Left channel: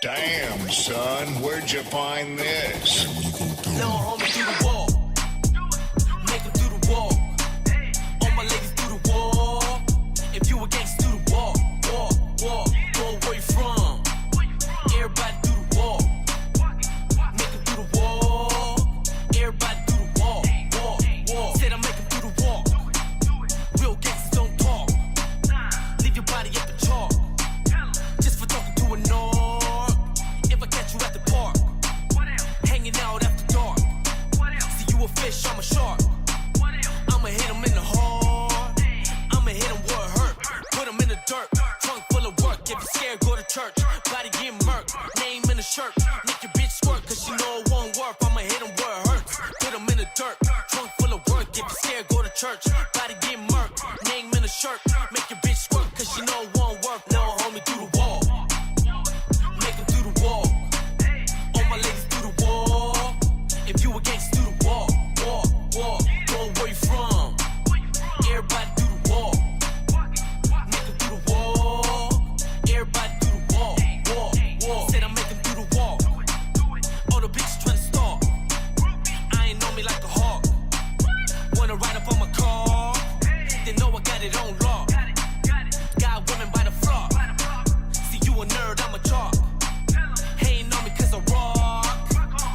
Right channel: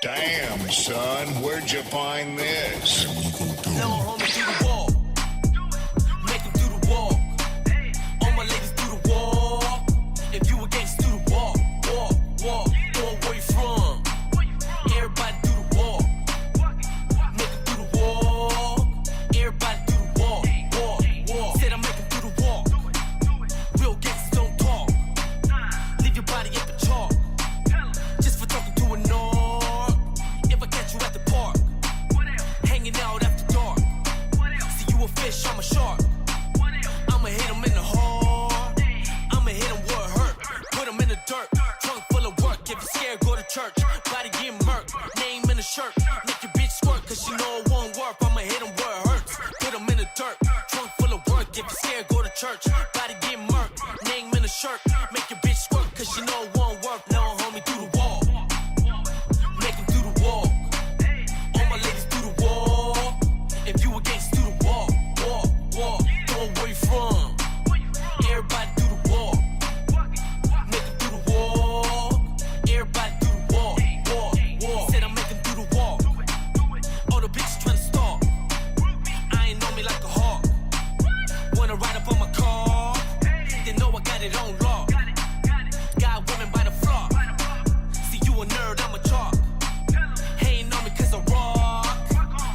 Damn, son, where'd you find this? Little homie do the walk. Make him do the walk. All my ladies do the walk. If you a gangsta, do the walk. Walk. Go where you from. Everybody do the walk. Make him do the walk. Everybody do the walk. Said I make him do the walk. Real gangsters don't talk. Leave your body up and chalk. Just for talking to a narc. If I catch you at the park, hanging out after dark. See you a fish, I'm a shark. I'ma hit him in the heart. I'ma hit him where it hurt. Put him in the dirt. Trunk full of work. If you're scared, go to church. Body getting murked. Name in the shirt. Make your bitch squirt, cause she know it won't work. I'ma hit him where it hurts. Put him in the dirt. Trunk full of work. If you're scared, go to church. Body getting murked. Name in the shirt. Make your bitch squirt, cause she know it won't work. Little homie do the walk. Make him do the walk. All my ladies do the walk. If you a gangsta, do the walk. Go where you from. Everybody do the walk. Make him do the walk. Everybody do the walk. Said I make him do the walk. All the bitches tryna stalk. I ain't know me like a hawk. Wanna ride up on my car. They know I got it on lock. Got women by the flock. See you a nerd, I'm a chalk. Hating on me cause I rock.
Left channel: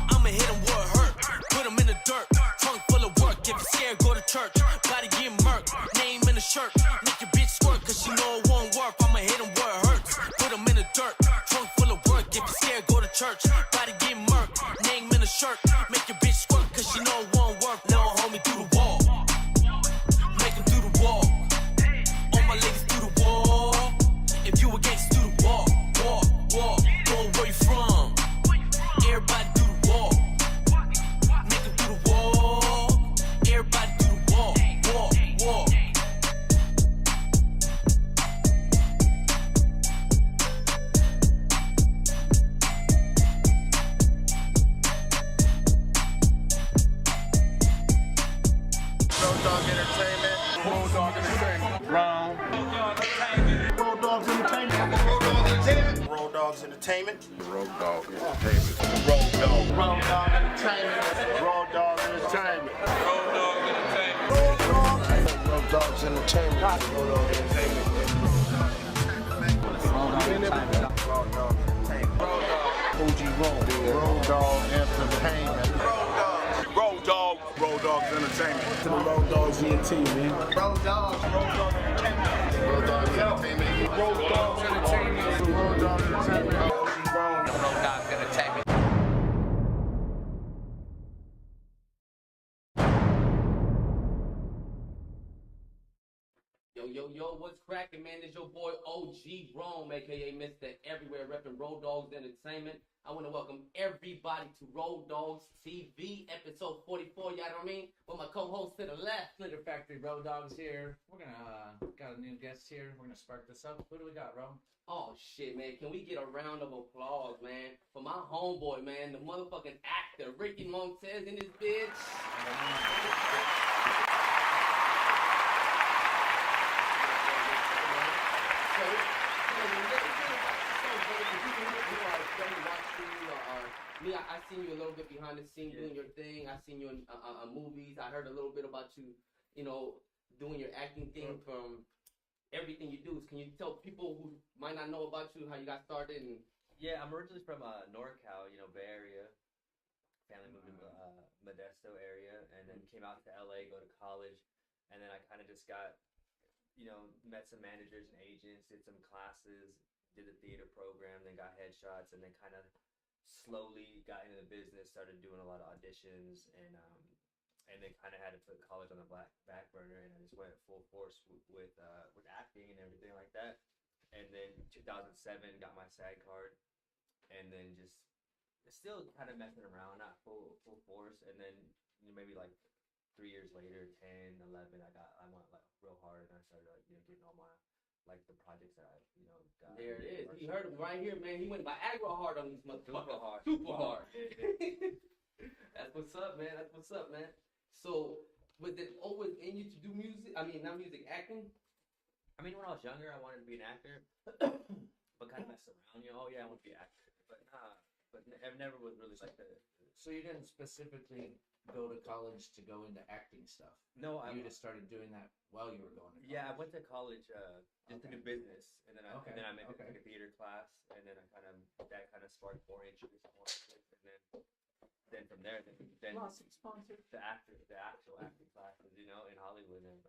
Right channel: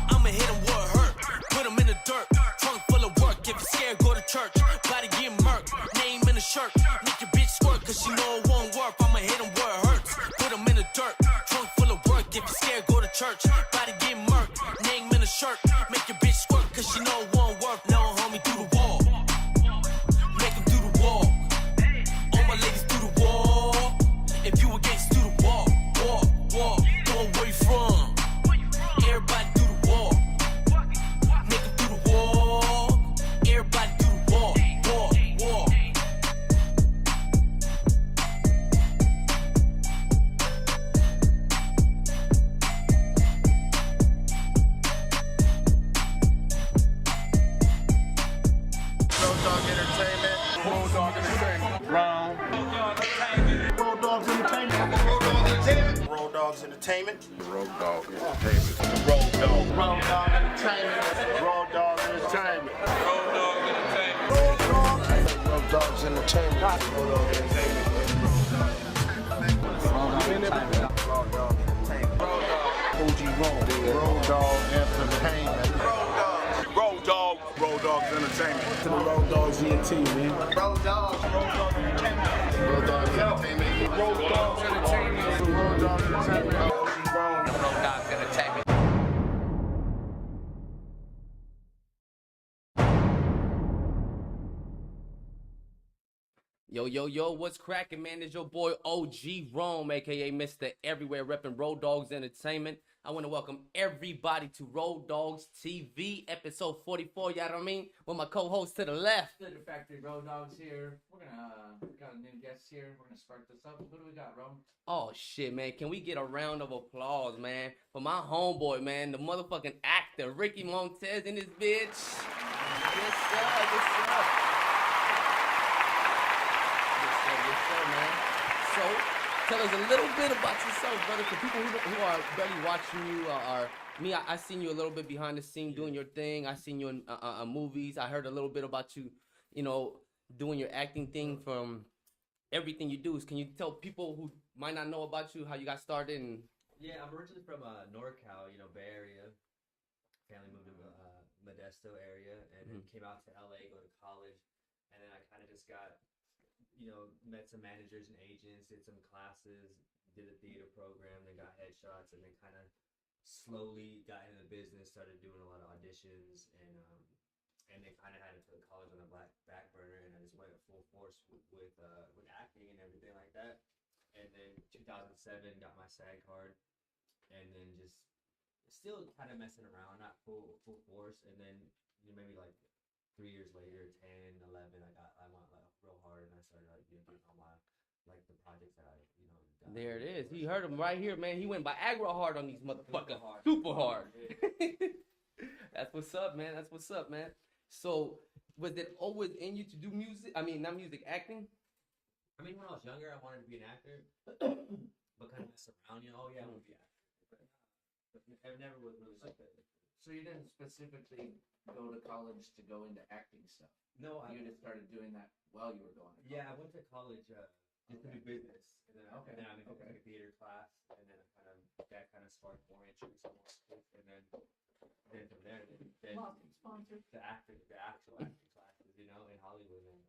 I'ma hit him where it hurt. Put him in the dirt. Trunk full of work. If you're scared, go to church. Body getting murked. Name in the shirt. Make your bitch squirt cause she know it won't work. I'ma hit him where it hurts. Put him in the dirt. Trunk full of work. If you're scared, go to church. Body getting murked. Name in the shirt. Make your bitch squirt cause she know it won't work. Little homie do the walk. Make him do the walk. All my ladies do the walk. If you a gangsta, do the walk. Go where you from. Everybody do the walk. Make him do the walk. Everybody do the walk. Rowdoggs Entertainment. Rowdoggs Entertainment. Rowdoggs Entertainment. Rowdoggs Entertainment. Rowdoggs Entertainment. Rowdoggs Entertainment. Rowdoggs Entertainment. Rowdoggs Entertainment. Rowdoggs Entertainment. OG Rowdoggs Entertainment. Rowdoggs Entertainment. To the Rowdoggs ENT, man. Rowdoggs Entertainment. Rowdoggs Entertainment. Rowdoggs Entertainment. Rowdoggs Entertainment. Rowdoggs Entertainment. Yo, what's cracking, man? It's your boy OG Rome, aka Mr. Everywhere, repping Rowdoggs Entertainment. I want to welcome everybody to Rowdoggs TV, episode 44, y'all know what I mean? With my co-host to the left. Splitter Factory Rowdoggs here. We're gonna got a new guest here. We're gonna spark this up. What do we got, Rome? Oh shit, man. Can we get a round of applause, man, for my homeboy, man, the motherfucking actor, Ricky MONTEZ in this bitch. So, tell us a little bit about yourself, brother, for people who are barely watching you. I seen you a little bit behind the scene doing your thing. I seen you in movies. I heard a little bit about you, doing your acting thing from everything you do. Can you tell people who might not know about you how you got started? And yeah, I'm originally from NorCal, Bay Area. Family moved to Modesto area, and then came out to LA, go to college, and then I kind of just got, met some managers and agents, did some classes, did a theater program, then got headshots, and then kind of slowly got into the business, started doing a lot of auditions, and then kind of had to put college on the back burner, and I just went full force with acting and everything like that. And then 2007 got my SAG card, and then just still kind of messing around, not full force. And then maybe like 3 years later, 10, 11, I went like real hard, and I started getting all my the projects that I got. there it is. He heard him right here, man. He went Viagra hard on these motherfuckers. Super hard. Yeah. That's what's up, man. So, was it always in you to do music? I mean, not music, acting? I mean, when I was younger, I wanted to be an actor, but kind of messed around. Oh yeah, I want to be an actor. I've never was really like the. So you didn't specifically go to college to go into acting stuff. No, You just started doing that while you were going to college. Yeah, I went to college just to do took Okay. a theater class, and then that kind of sparked more interest and more interest, and then from there, then Awesome sponsor. the actual acting classes, in Hollywood, and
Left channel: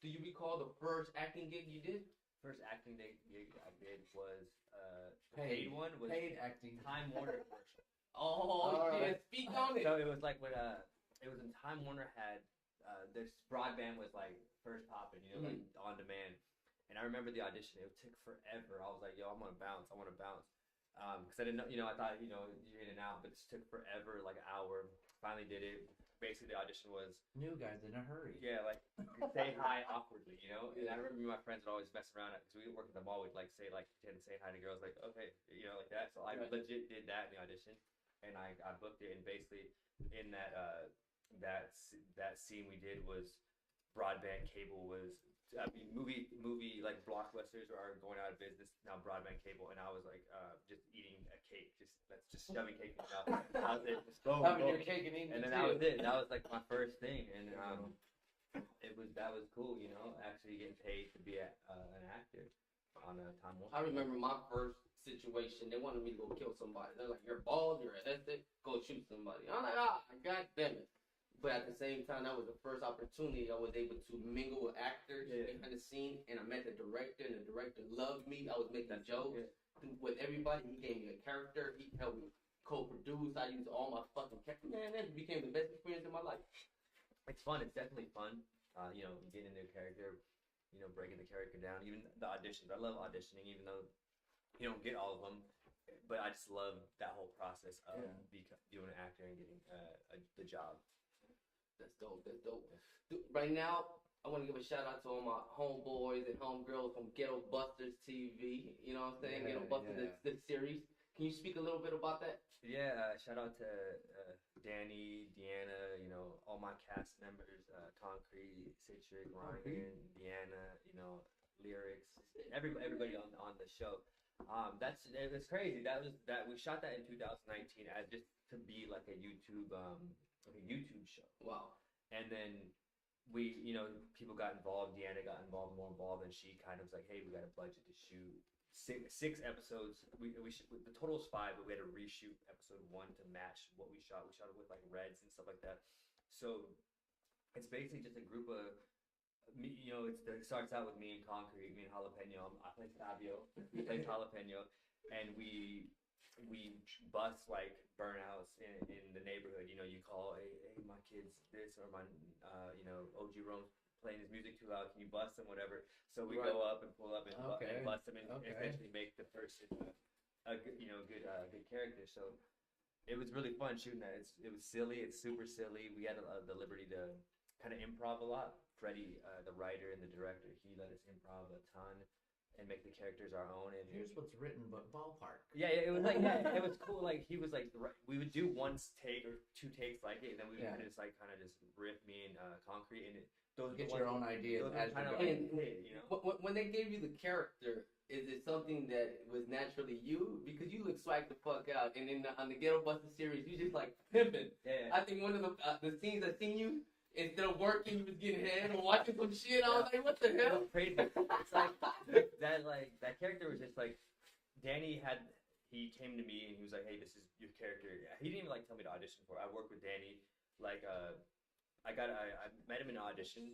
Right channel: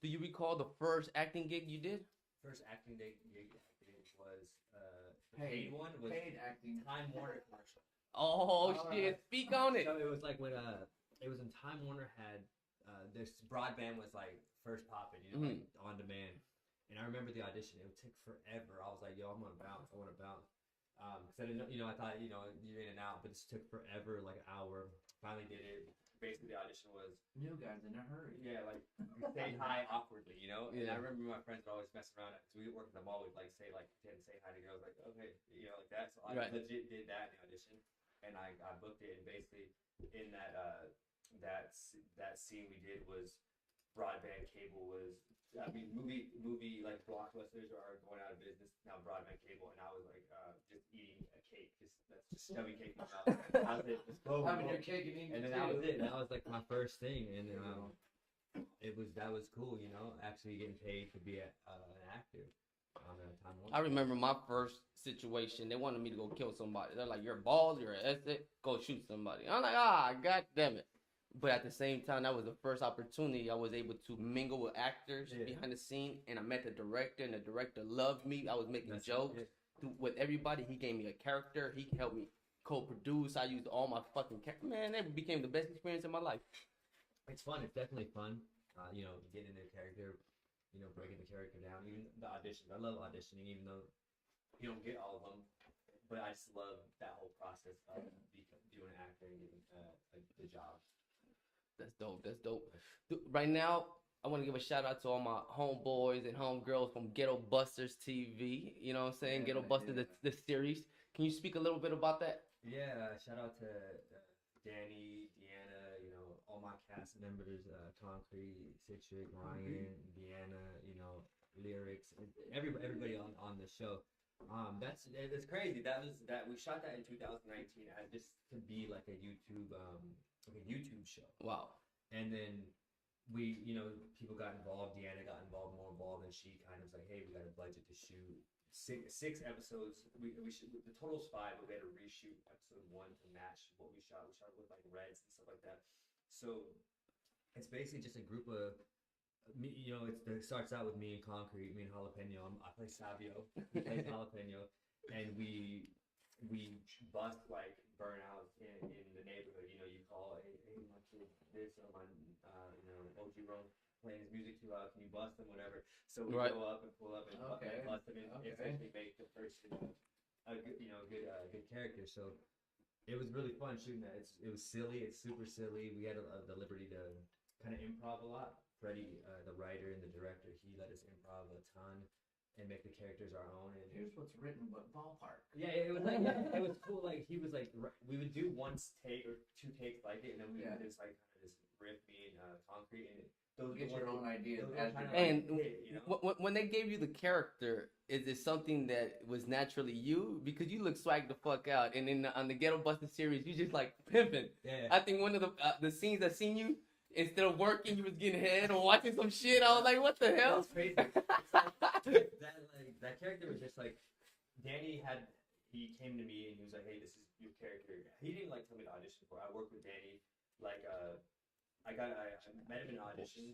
Do you recall the first acting gig you did? first acting gig I did was the paid one was Paid acting. Time Warner commercial. Oh shit! Speak on it. So it was like when it was when Time Warner had this broadband was like first popping, like on demand. And I remember the audition. It took forever. I was like, yo, I want to bounce. Because I didn't know, I thought, you're in and out, but it took forever, like an hour. Finally did it. Basically, the audition was New guys in a hurry. yeah, like say hi awkwardly, And Yeah. I remember my friends would always mess around because we would work in the mall. We'd like say like pretend to say hi to girls, like okay, like that. So I Right. legit did that in the audition, and I booked it. And basically, in that scene we did was broadband cable was. I mean, movie like blockbusters are going out of business now. Broadband cable, and I was like just eating a cake, just shoving cake in my mouth. How's it? Just go, Having go. your cake and eating And then it that was too. it. That was like my first thing, and then that was cool, actually getting paid to be an actor on a Time Warner. I remember my first situation. They wanted me to go kill somebody. They're like, "You're bald. You're an asset. Go shoot somebody." I'm like, god damn it. But at the same time, that was the first opportunity I was able to mingle with actors behind the scene, and I met the director, and the director loved me. I was making jokes with everybody. He gave me a character. He helped me co-produce. I used all my fucking man. That became the best experience in my life. It's fun. It's definitely fun. Getting into a character, breaking the character down. Even the auditions. I love auditioning, even though you don't get all of them. But I just love that whole process of doing an actor and getting the job. That's dope. That's dope. Right now, I want to give a shout out to all my homeboys and homegirls from Ghetto Busters TV. You know what I'm saying? Yeah, Ghetto Busters, yeah. the series. Can you speak a little bit about that? Yeah, shout out to Danny, Deanna, all my cast members, Concrete, Citric, Ryan, Deanna, Lyrics, everybody on the show. That's crazy. That we shot that in 2019 as just to be like a YouTube show. Wow. And then we, people got involved. Deanna got more involved, and she kind of was like, "Hey, we got a budget to shoot six episodes. The total is 5, but we had to reshoot episode 1 to match what we shot. We shot it with like reds and stuff like that. So it's basically just a group of me. It starts out with me and Concrete, me and Jalapeno. I play Savio. He plays Jalapeno, and we bust like burnouts in the neighborhood. You call, hey, my kids this, or my OG Rome playing his music too loud. Can you bust them? Whatever. So we go up and pull up and bust them, and essentially make the person a good good character. So it was really fun shooting that. It was silly. It's super silly. We had the liberty to kind of improv a lot. Freddie, the writer and the director, he let us improv a ton and make the characters our own. And Here's what's written, but ballpark. yeah, it was like it was cool. Like he was like we would do one take or 2 takes like it, and then we would just like kind of just riff me and Concrete, and those Get your own ideas. And when they gave you the character, is it something that was naturally you? Because you look swag the fuck out, and then on the Ghetto Buster series, you just like pimping. Yeah. I think one of the scenes I seen you, instead of working, you was getting head and watching some shit. I was like, what the It hell? was crazy. It's like that character was just like Danny he came to me and he was like, hey, this is your character. He didn't even like tell me to audition for it. I worked with Danny. Like I met him in an audition.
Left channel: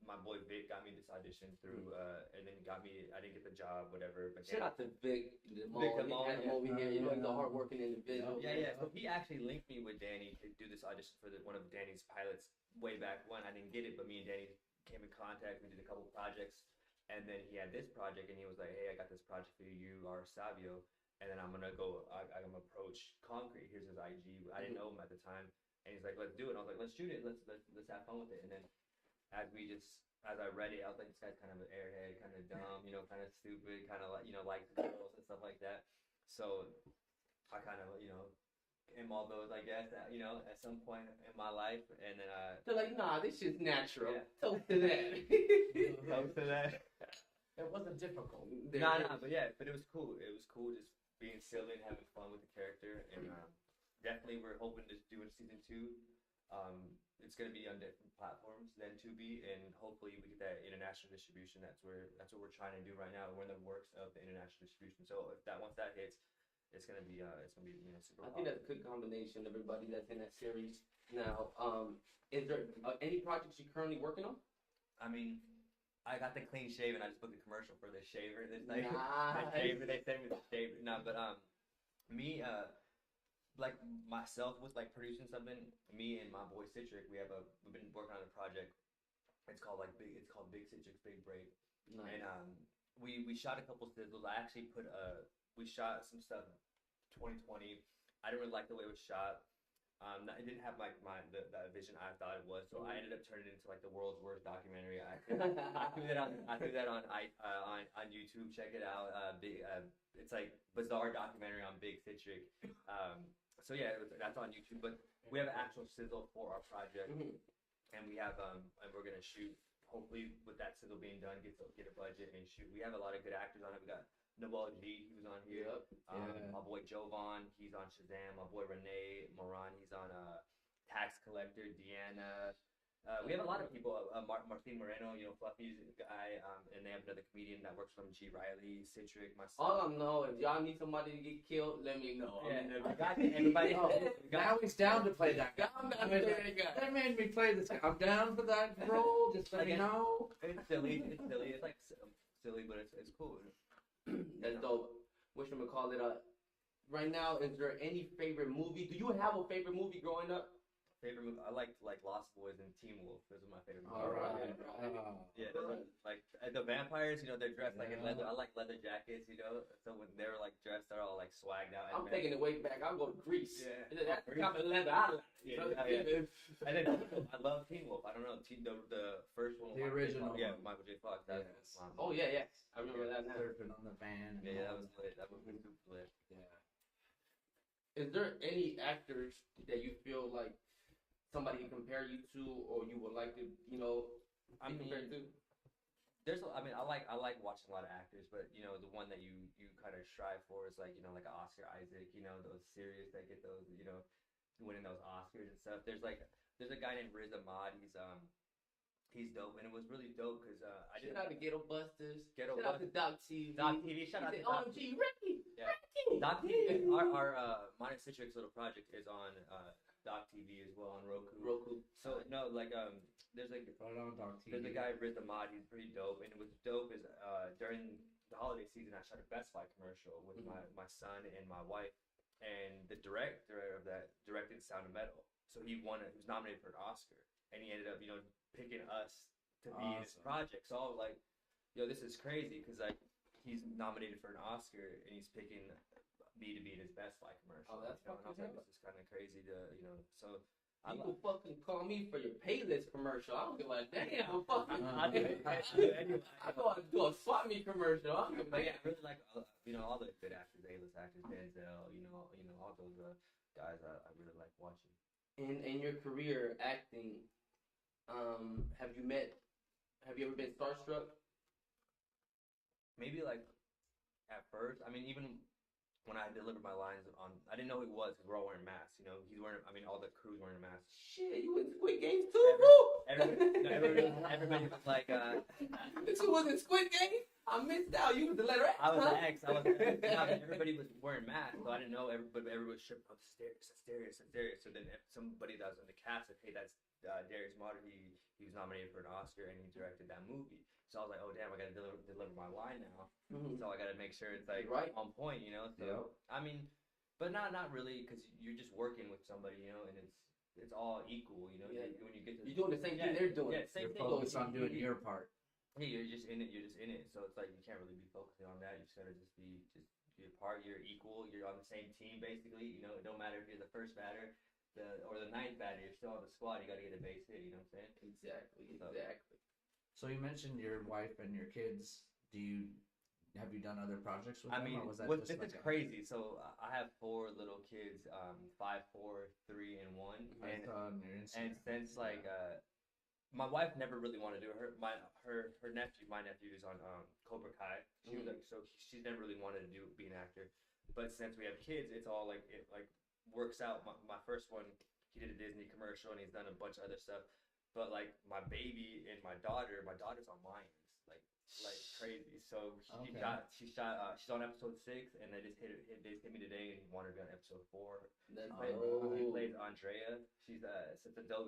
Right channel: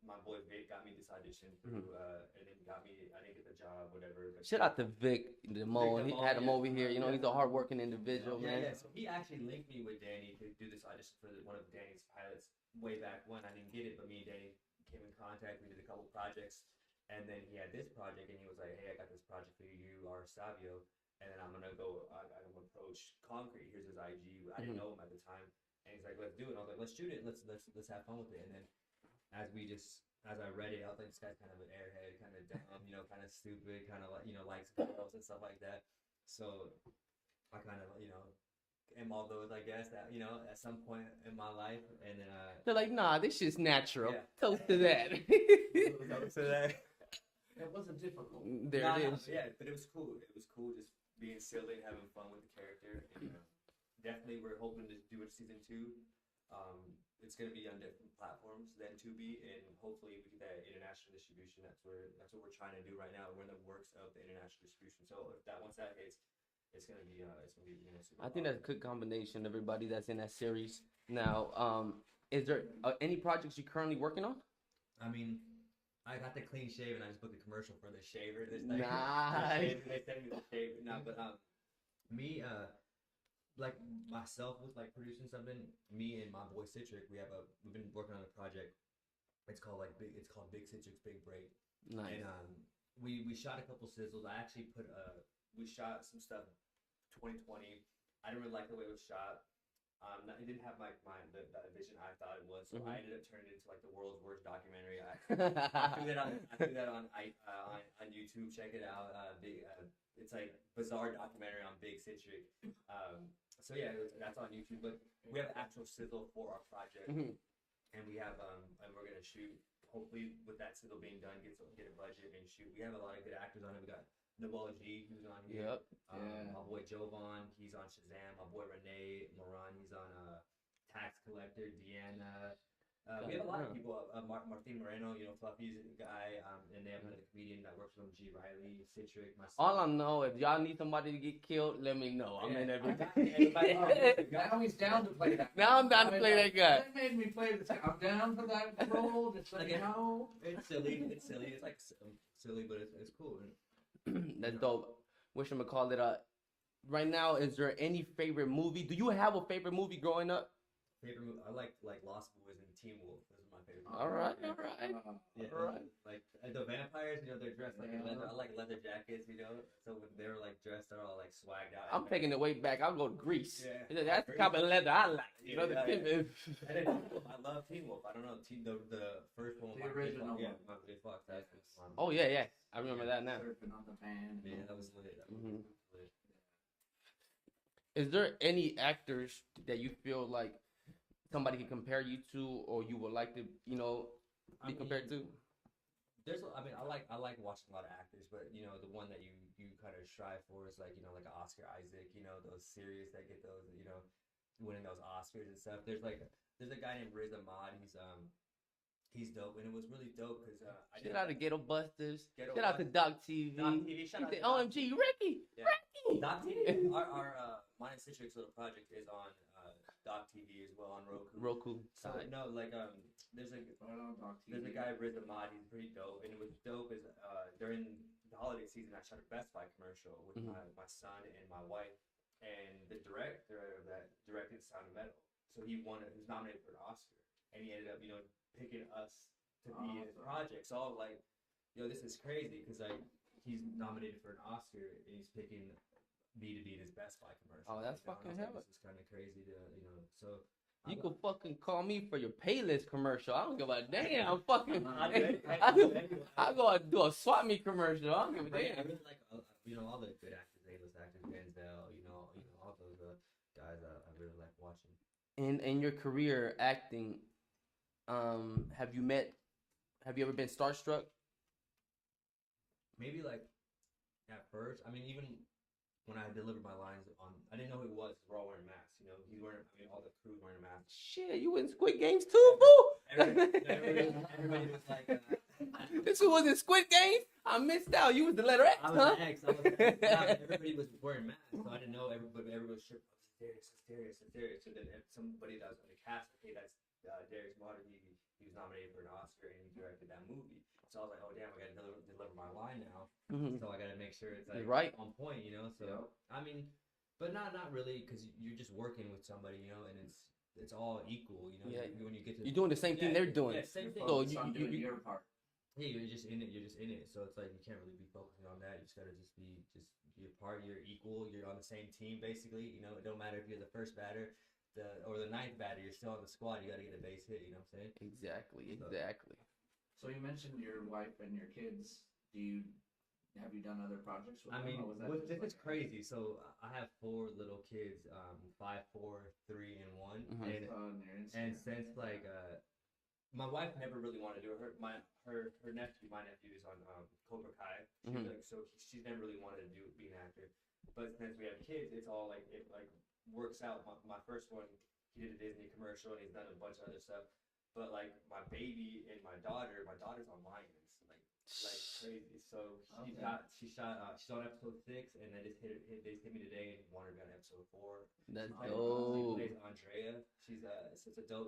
My boy Vic got me this audition through and then got me. I didn't get the job, whatever. But Shout out to Vic DeMole. He had him over here. He's a hardworking individual. Yeah. So he actually linked me with Danny to do this audition for one of Danny's pilots way back when. I didn't get it, but me and Danny came in contact. We did a couple projects, and then he had this project, and he was like, "Hey, I got this project for you. You are Savio, and then I'm gonna go. I'm gonna approach Concrete. Here's his IG. I didn't know him at the time, and he's like, let's do it. I was like, let's shoot it. Let's have fun with it. And then as I read it, I was like, this guy's kind of an airhead, kind of dumb, kind of stupid, kind of like likes girls and stuff like that. So I kind of am all those, I guess, that at some point in my life, and then They're like, nah, this shit's natural. Yeah. Toast to that. Toast to that. It wasn't difficult. There it is. But it was cool. It was cool just being silly and having fun with the character, and definitely we're hoping to do it season 2. It's going to be on different platforms than Tubi, and hopefully we get that international distribution. That's what we're trying to do right now. We're in the works of the international distribution. So if once that hits, it's gonna be super. I think that's a good combination of everybody that's in that series. Now, is there any projects you're currently working on? I mean, I got the clean shave, and I just booked a commercial for the shaver this night. Nice. They sent me the shaver. No, but me like myself with like producing something. Me and my boy Citric, we've been working on a project. It's called Big Citric's Big Break. Nice. And we shot a couple sizzles. I actually we shot some stuff 2020. I didn't really like the way it was shot. It didn't have like the vision I thought it was, so I ended up turning it into like the world's worst documentary. I threw that on YouTube. Check it out. It's like bizarre documentary on Big Citric. So yeah, that's on YouTube. But we have an actual sizzle for our project, and we have and we're gonna shoot. Hopefully, with that sizzle being done, get a budget and shoot. We have a lot of good actors on it. We got Nabal G, who's on here. Yep. My boy Jovan, he's on Shazam. My boy Renee Moran, he's on Tax Collector. Deanna. We have a lot of people. Martin Moreno, Fluffy's guy. And they have another comedian that works from G. Riley, Citric, myself. All I know, if y'all need somebody to get killed, let me know. I'm in every. Now he's down to play that. Now I'm down to play that guy. They made me play this. I'm down for that role. Just let me know. It's silly. It's like silly, but it's cool. That's dope. Whatchamacallit, right now, is there any favorite movie? Do you have a favorite movie growing up? Favorite movie? I like Lost Boys and Teen Wolf. Those are my favorite movies. All right. Yeah, like the vampires, they're dressed like in leather. I like leather jackets, So when they were like dressed, they're all like swagged out. I'm taking it way back. I'll go to Greece. Yeah. That's the type of leather I like. And then I love Teen Wolf. I don't know the first one. The original. Yeah, Michael J. Fox. Oh yeah. I remember that now. Surfing on the van. Yeah, that was lit. That movie was lit. Yeah. Is there any actors that you feel like somebody can compare you to, or you would like to, be compared to? I like watching a lot of actors, but the one that you kind of strive for is like like an Oscar Isaac, those series that get those, winning those Oscars and stuff. There's a guy named Riz Ahmad. He's dope, and it was really dope because shout out to Ghetto Busters. Shout out to Dogghouze TV. Dog TV. Shout out to OMG, Ricky. Yeah. Ricky. Dog TV. Our MONTEZ Citric's little project is on Dog TV as well on Roku. So there's a guy Riz Ahmad. He's pretty dope, and it was dope is during the holiday season I shot a Best Buy commercial with my son and my wife, and the director of that directed Sound of Metal. So he was nominated for an Oscar, and he ended up picking us to be in his project. So I was like, yo, this is crazy because he's nominated for an Oscar and he's picking me to be in his Best Buy commercial. Oh, that's fucking hell. This is kind of crazy to so. You can fucking call me for your Payless commercial. I don't give a damn. I'm fucking. I go and do a swap meet commercial. I don't give a damn. I really like all the good actors, A-list actors, Denzel, all those guys. I really like watching. In your career acting, have you ever been starstruck? Maybe like at first. I mean, even when I delivered my lines I didn't know who he was because we're all wearing masks. He's wearing. I mean, all the crew's wearing masks. Shit, you in Squid Games too, boo? Everybody was like, This was in Squid Games? I missed out. You was the letter X, I was the X. Everybody was wearing masks, so I didn't know. Everybody was tripping. Oh, Darius. So then if somebody that was in the cast said, hey, that's Darius Martin. He was nominated for an Oscar and he directed that movie. So I was like, oh damn, I gotta deliver my line now. So I gotta make sure it's like on point, So I mean, but not really, because you're just working with somebody, and it's all equal, Yeah. When you get to You're doing the same thing they're doing. Yeah, same thing. So you're doing your part. Yeah, you're just in it. So it's like you can't really be focusing on that. You just gotta be your part. You're equal. You're on the same team, basically. It don't matter if you're the first batter, or the ninth batter. You're still on the squad. You gotta get a base hit. You know what I'm saying? Exactly. So you mentioned your wife and your kids. Have you done other projects with them? I mean, or was that this is crazy. So I have 4 little kids, 5, 4, 3, and 1. And since my wife never really wanted to do it. My nephew is on Cobra Kai. She's never really wanted to be an actor. But since we have kids, it's all like it like works out. My first one, he did a Disney commercial and he's done a bunch of other stuff. But like my baby and my daughter's on Lions, like crazy. So she's on episode 6, and they just hit me today, and wanted to be on episode 4. That's She dope. plays Andrea. She's it's a dope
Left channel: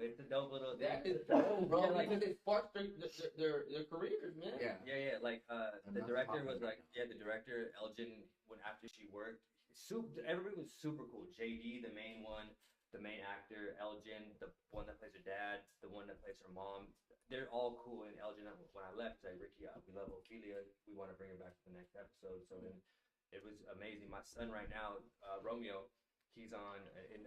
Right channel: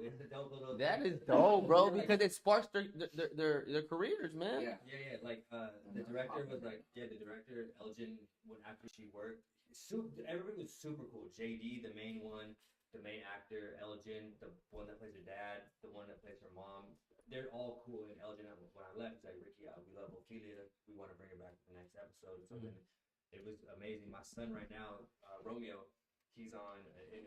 little. That is dope, bro. Yeah, like, because it sparks their careers, man. Yeah. Yeah. Like the director was like, the director Elgin. When after she worked, everybody was super cool. JD, the main one. The main actor, Elgin, the one that plays her dad, the one that plays her mom, they're all cool. And Elgin, when I left, like, Ricky, we love Ophelia. We want to bring her back to the next episode. So then it was amazing. My son right now, Romeo, he's on in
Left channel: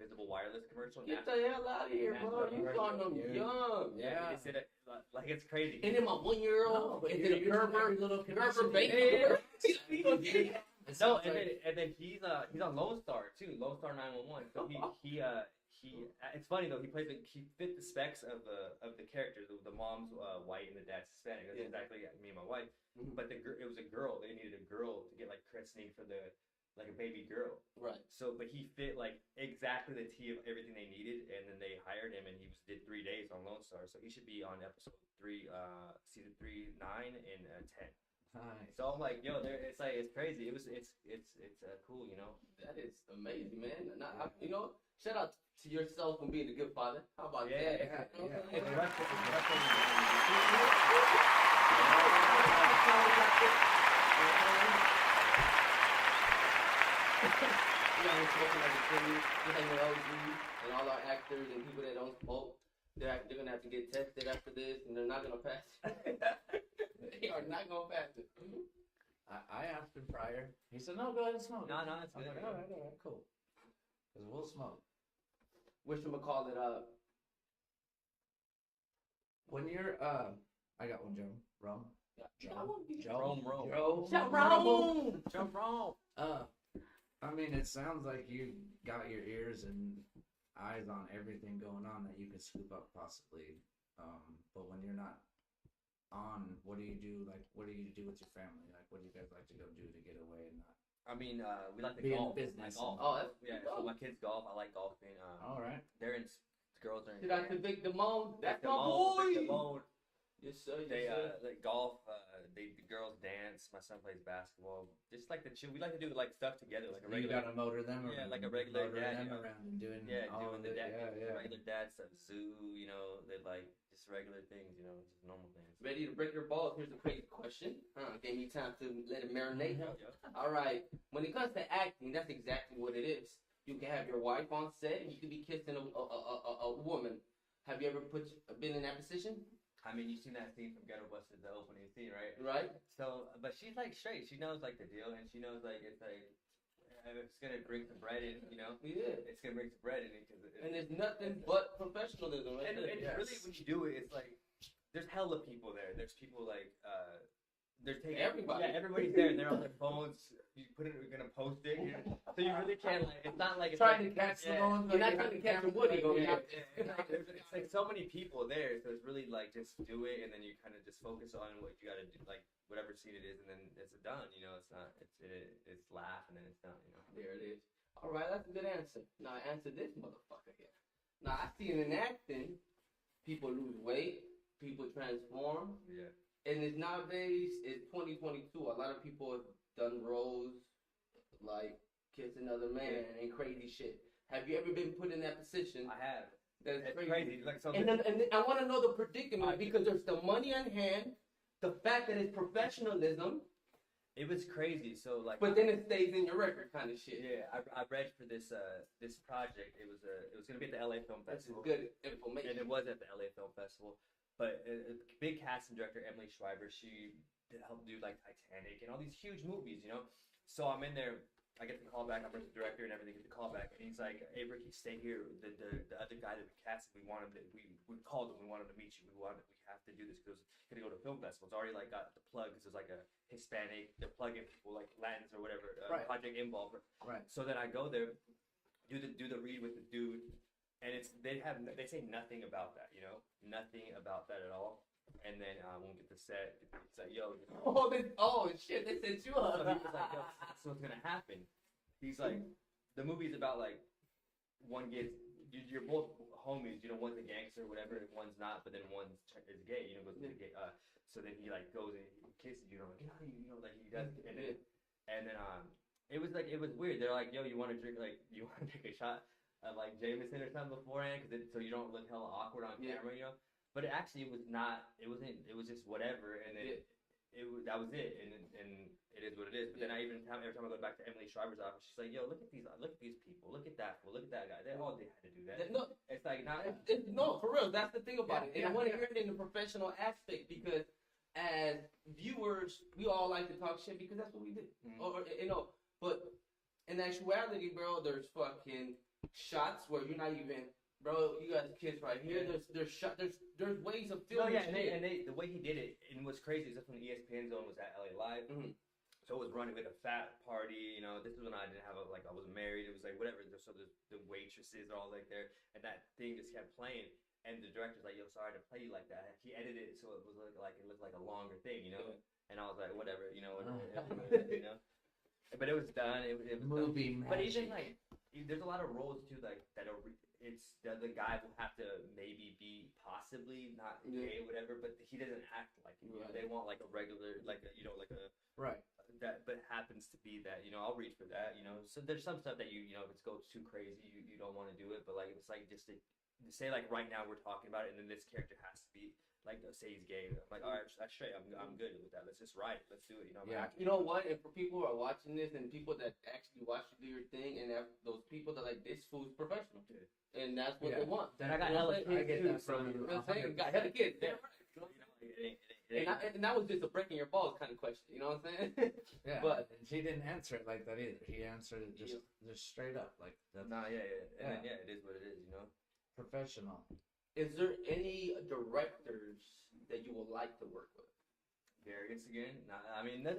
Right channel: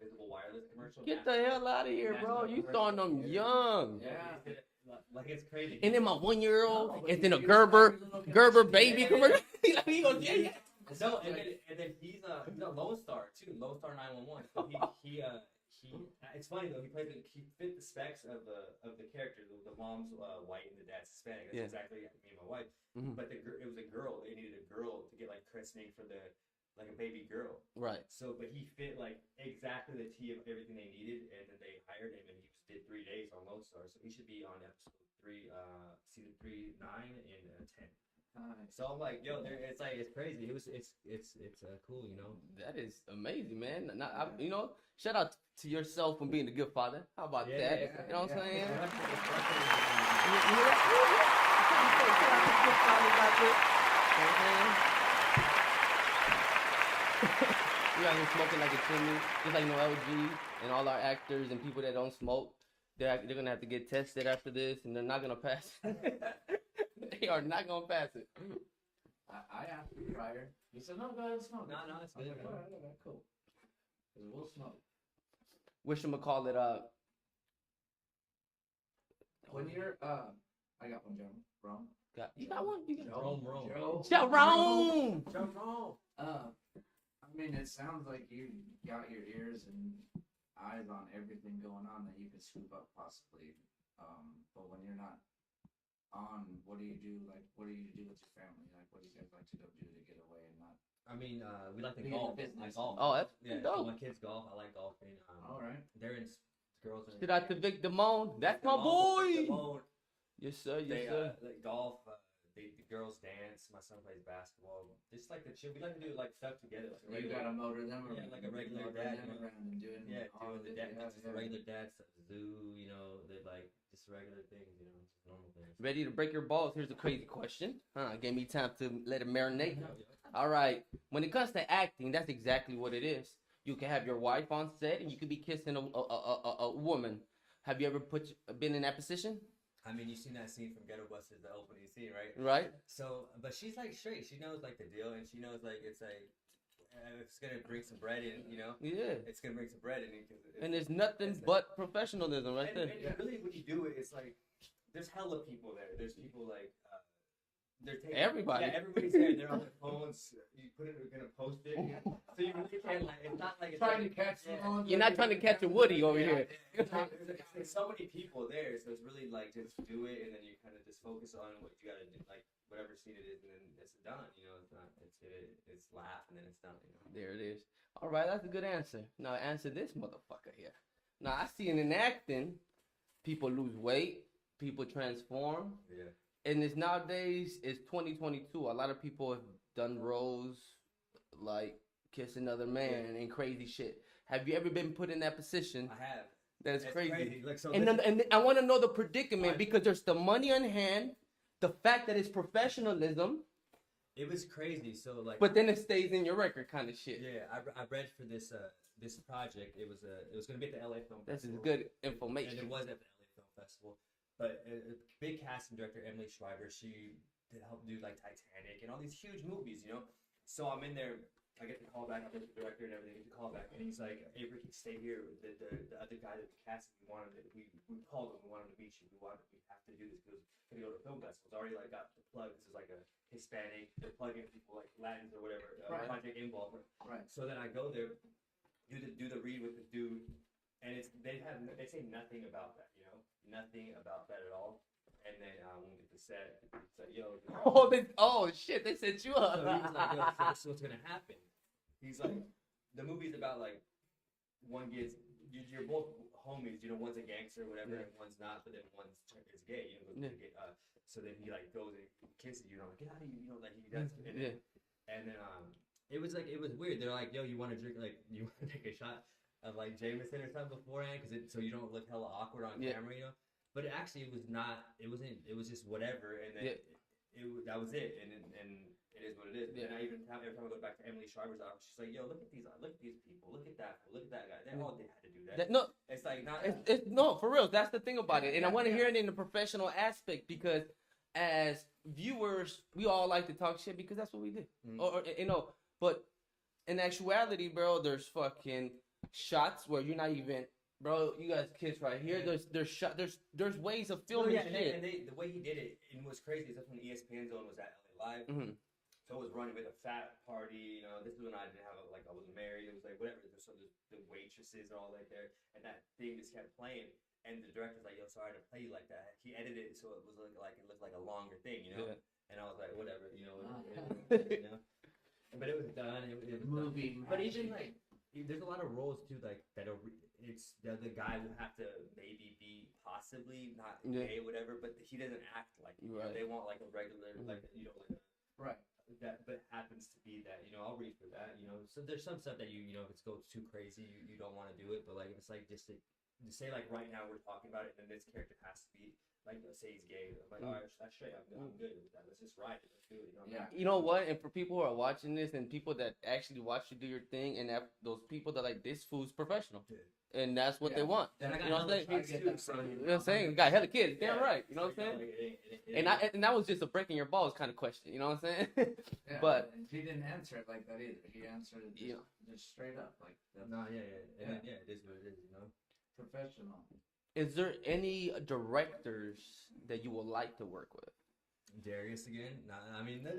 Visible Wireless commercial. Get the hell out of here, bro. You starting them young. Yeah. They said it, like it's crazy. And then my 1-year-old is in a Gerber baby commercial. He goes, yeah. No, and then he's on Lone Star too, Lone Star 911. So he it's funny though, he fit the specs of the characters. The mom's white and the dad's Hispanic. That's exactly me and my wife. Mm-hmm. But it was a girl. They needed a girl to get like christening for like a baby girl. Right. So, but he fit like exactly the T of everything they needed, and then they hired him, and he did 3 days on Lone Star. So he should be on episode 3, season 3, 9, and 10. Nice. So I'm like, yo, it's crazy. It's cool, you know. That is amazing, man. Shout out to yourself for being a good father. How about that? You know what I'm saying? We out here smoking like a king, just like LG and all our actors and people that don't smoke. They're gonna have to get tested after this, and they're not gonna pass it. They are not gonna pass it. I asked him prior. He said, "No, go ahead and smoke." No, it's I'm good. like, all right, cool. Because we'll smoke. Whatchamacallit, When you're I got one, Joe. Rome. you got one? Rome. Joe. Rome. I mean, it sounds like you got your ears and eyes on everything going on that you could scoop up possibly. But when you're not on, what do you do? Like, what do you do with your family? Like, what do you guys like to go do to get away and not? I mean, we like to Be in golf. business. I golf. Oh, that's So dope. my kids golf. I like golfing. All right. Girls are in. Shout out to Vic Damone. That's my Vic boy. Damone. Yes, sir. They Yes, sir. like golf. The girls dance. My son plays basketball. Just like the chill. We like to do like stuff together, like a You regular. gotta motor them around. Yeah, like a regular motor dad, them you know. around and doing all Doing of the it. dad, Yeah. regular dad stuff, zoo, you know, they like just regular things, you know, just normal things. Ready to break your balls? Here's a crazy question. Gave me time to let it marinate. Yeah. All right. When it comes to acting, that's exactly what it is. You can have your wife on set, and you could be kissing a woman. Have you ever been in that position? I mean, you seen that scene from Ghetto Busters, the opening scene, right? Right. So, but she's like straight. She knows like the deal, and she knows like it's like it's gonna bring some bread in, you know. Yeah. It's gonna bring some bread in because. And there's nothing but professionalism right there. And really, when you do it, it's like there's hella people there. There's people like they're taking Everybody. Yeah, everybody's there. And they're on their phones. You put it. We're gonna post it. So you really can't like. It's not like it's Trying to like, catch the ones. You're not trying to catch a Woody over here. It's like so many people there, so it's really like just do it, and then you kind of just focus on what you gotta do, like whatever scene it is, and then it's done. You know, it's not. It's laugh, and then it's done. You know. There it is. All right, that's a good answer. Now answer this motherfucker here. Now I see in acting, people lose weight, people transform. Yeah. And it's nowadays, it's 2022. A lot of people have done roles like Kiss Another Man and crazy shit. Have you ever been put in that position? I have. That is It's crazy. Like so. And I want to know the predicament because there's the money on hand, the fact that it's professionalism, it was crazy. So like. but then it stays in your record kind of shit. Yeah, I read for this project. It was gonna be at the LA Film That's Festival. good information. And it was at the LA Film Festival. But a big casting director, Emily Schreiber, she helped do like Titanic and all these huge movies, you know. So I'm in there. I get the call back. I'm with the director and everything. Get the call back, and he's like, "Hey, Ricky, stay here. The other guy that we casted, we want him. We called him. We want him to meet you. We have to do this because it's gonna go to a film festival. It's already like got the plug. This is like a Hispanic. They're plugging people like Latins or whatever. Right. Project involved. Right. So then I go there, do the read with the dude, and they say nothing about that, you know, nothing about that at all. And then when we get to set, it's like, yo. Oh shit, they set you up. So he was like, yo, this is what's gonna happen. He's like, the movie's about like one gets, you're both homies, you know, one's a gangster or whatever, and one's not, but then one's is gay, you know, goes to gay. So then he like goes and he kisses you, and I'm like, get out of here, you know, like he does. And then it was weird. They're like, yo, you want to drink, like, you want to take a shot of like Jameson or something beforehand, so you don't look hella awkward on camera, you know. But it actually was not. It wasn't. It was just whatever, and then that was it, and it is what it is. But then every time I go back to Emily Shriver's office, she's like, "Yo, look at these people, look at that fool, look at that guy. They all had to do that." No, it's like not. No, for real. That's the thing about it, and I want to hear it in the professional aspect because as viewers, we all like to talk shit because that's what we do, or you know. But in actuality, bro, there's fucking shots where you're not even. Bro, you guys kiss right here. There's ways of filming. And the way he did it, and what's crazy is that's when the ESPN Zone was at LA Live. So it was running with a fat party. You know, this was when I didn't have I wasn't married. It was like whatever. So the waitresses are all like there, and that thing just kept playing. And the director's like, "Yo, sorry to play you like that." He edited it so it was like it looked like a longer thing, you know. And I was like, whatever, you know, you know. But it was done. It was movie. But even like, there's a lot of roles too, like that are. It's the guy will have to maybe be possibly not gay or whatever, but he doesn't act like it. Right. They want like a regular, like a, you know, like a right that, but happens to be that, you know. I'll reach for that, you know. So there's some stuff that you know, if it goes too crazy, you don't want to do it. But like if it's like just to say like right now we're talking about it, and then this character has to be like say he's gay. I'm like, all right, that's straight. I'm good with that. Let's just ride it. Let's do it. You know. You know what? And for people who are watching this, and people that actually watch you do your thing, and that those people that like this fool's professional, and that's what they want. Then I got hella kids too. So you know what I'm saying? You got hella kids. Damn right. You know what I'm saying? And that was just a breaking your balls kind of question. You know what I'm saying? Yeah. But and he didn't answer it like that either. He answered it just straight up like that. No, and then, it is what it is. You know. Professional. Is there any directors that you would like to work with? Darius again? I mean, him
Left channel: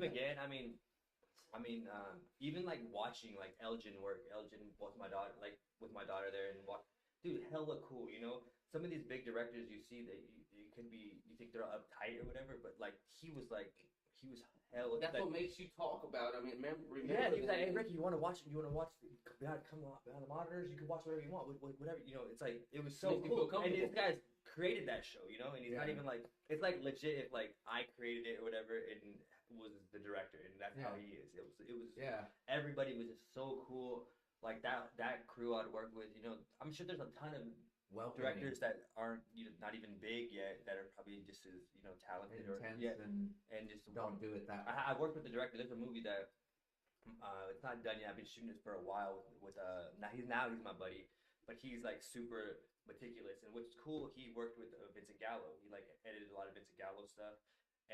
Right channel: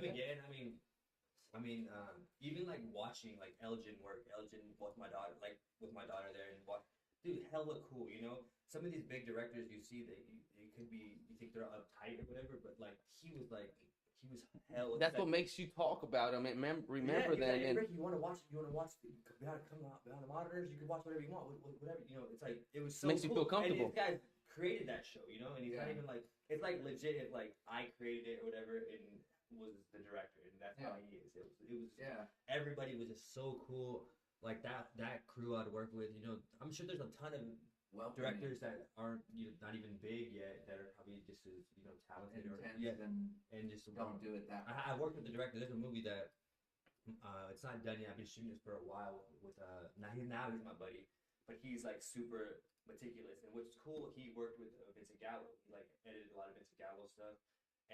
again. I mean, even like watching like Elgin work. Elgin with my daughter there, and dude, hella cool. You know, some of these big directors you see that you think they're uptight or whatever, but like he was hell. That's what makes you talk about him. Remember that. Hey, Ricky, you want to watch? Come on behind the monitors. You can watch whatever you want. Whatever, you know. It's like it was so makes cool. You feel comfortable. And these guys created that show, you know. And he's not even like it's like legit. If like I created it or whatever, and was the director, and that's how he is. It was. Everybody was just so cool. Like that crew I'd work with, you know. I'm sure there's a ton of directors that aren't not even big yet that are probably just as talented and just don't do it that way. I worked with the director. There's a movie that it's not done yet. I've been shooting this for a while with now he's my buddy, but he's like super meticulous. And what's cool, he worked with Vincent Gallo. He like edited a lot of Vincent Gallo stuff,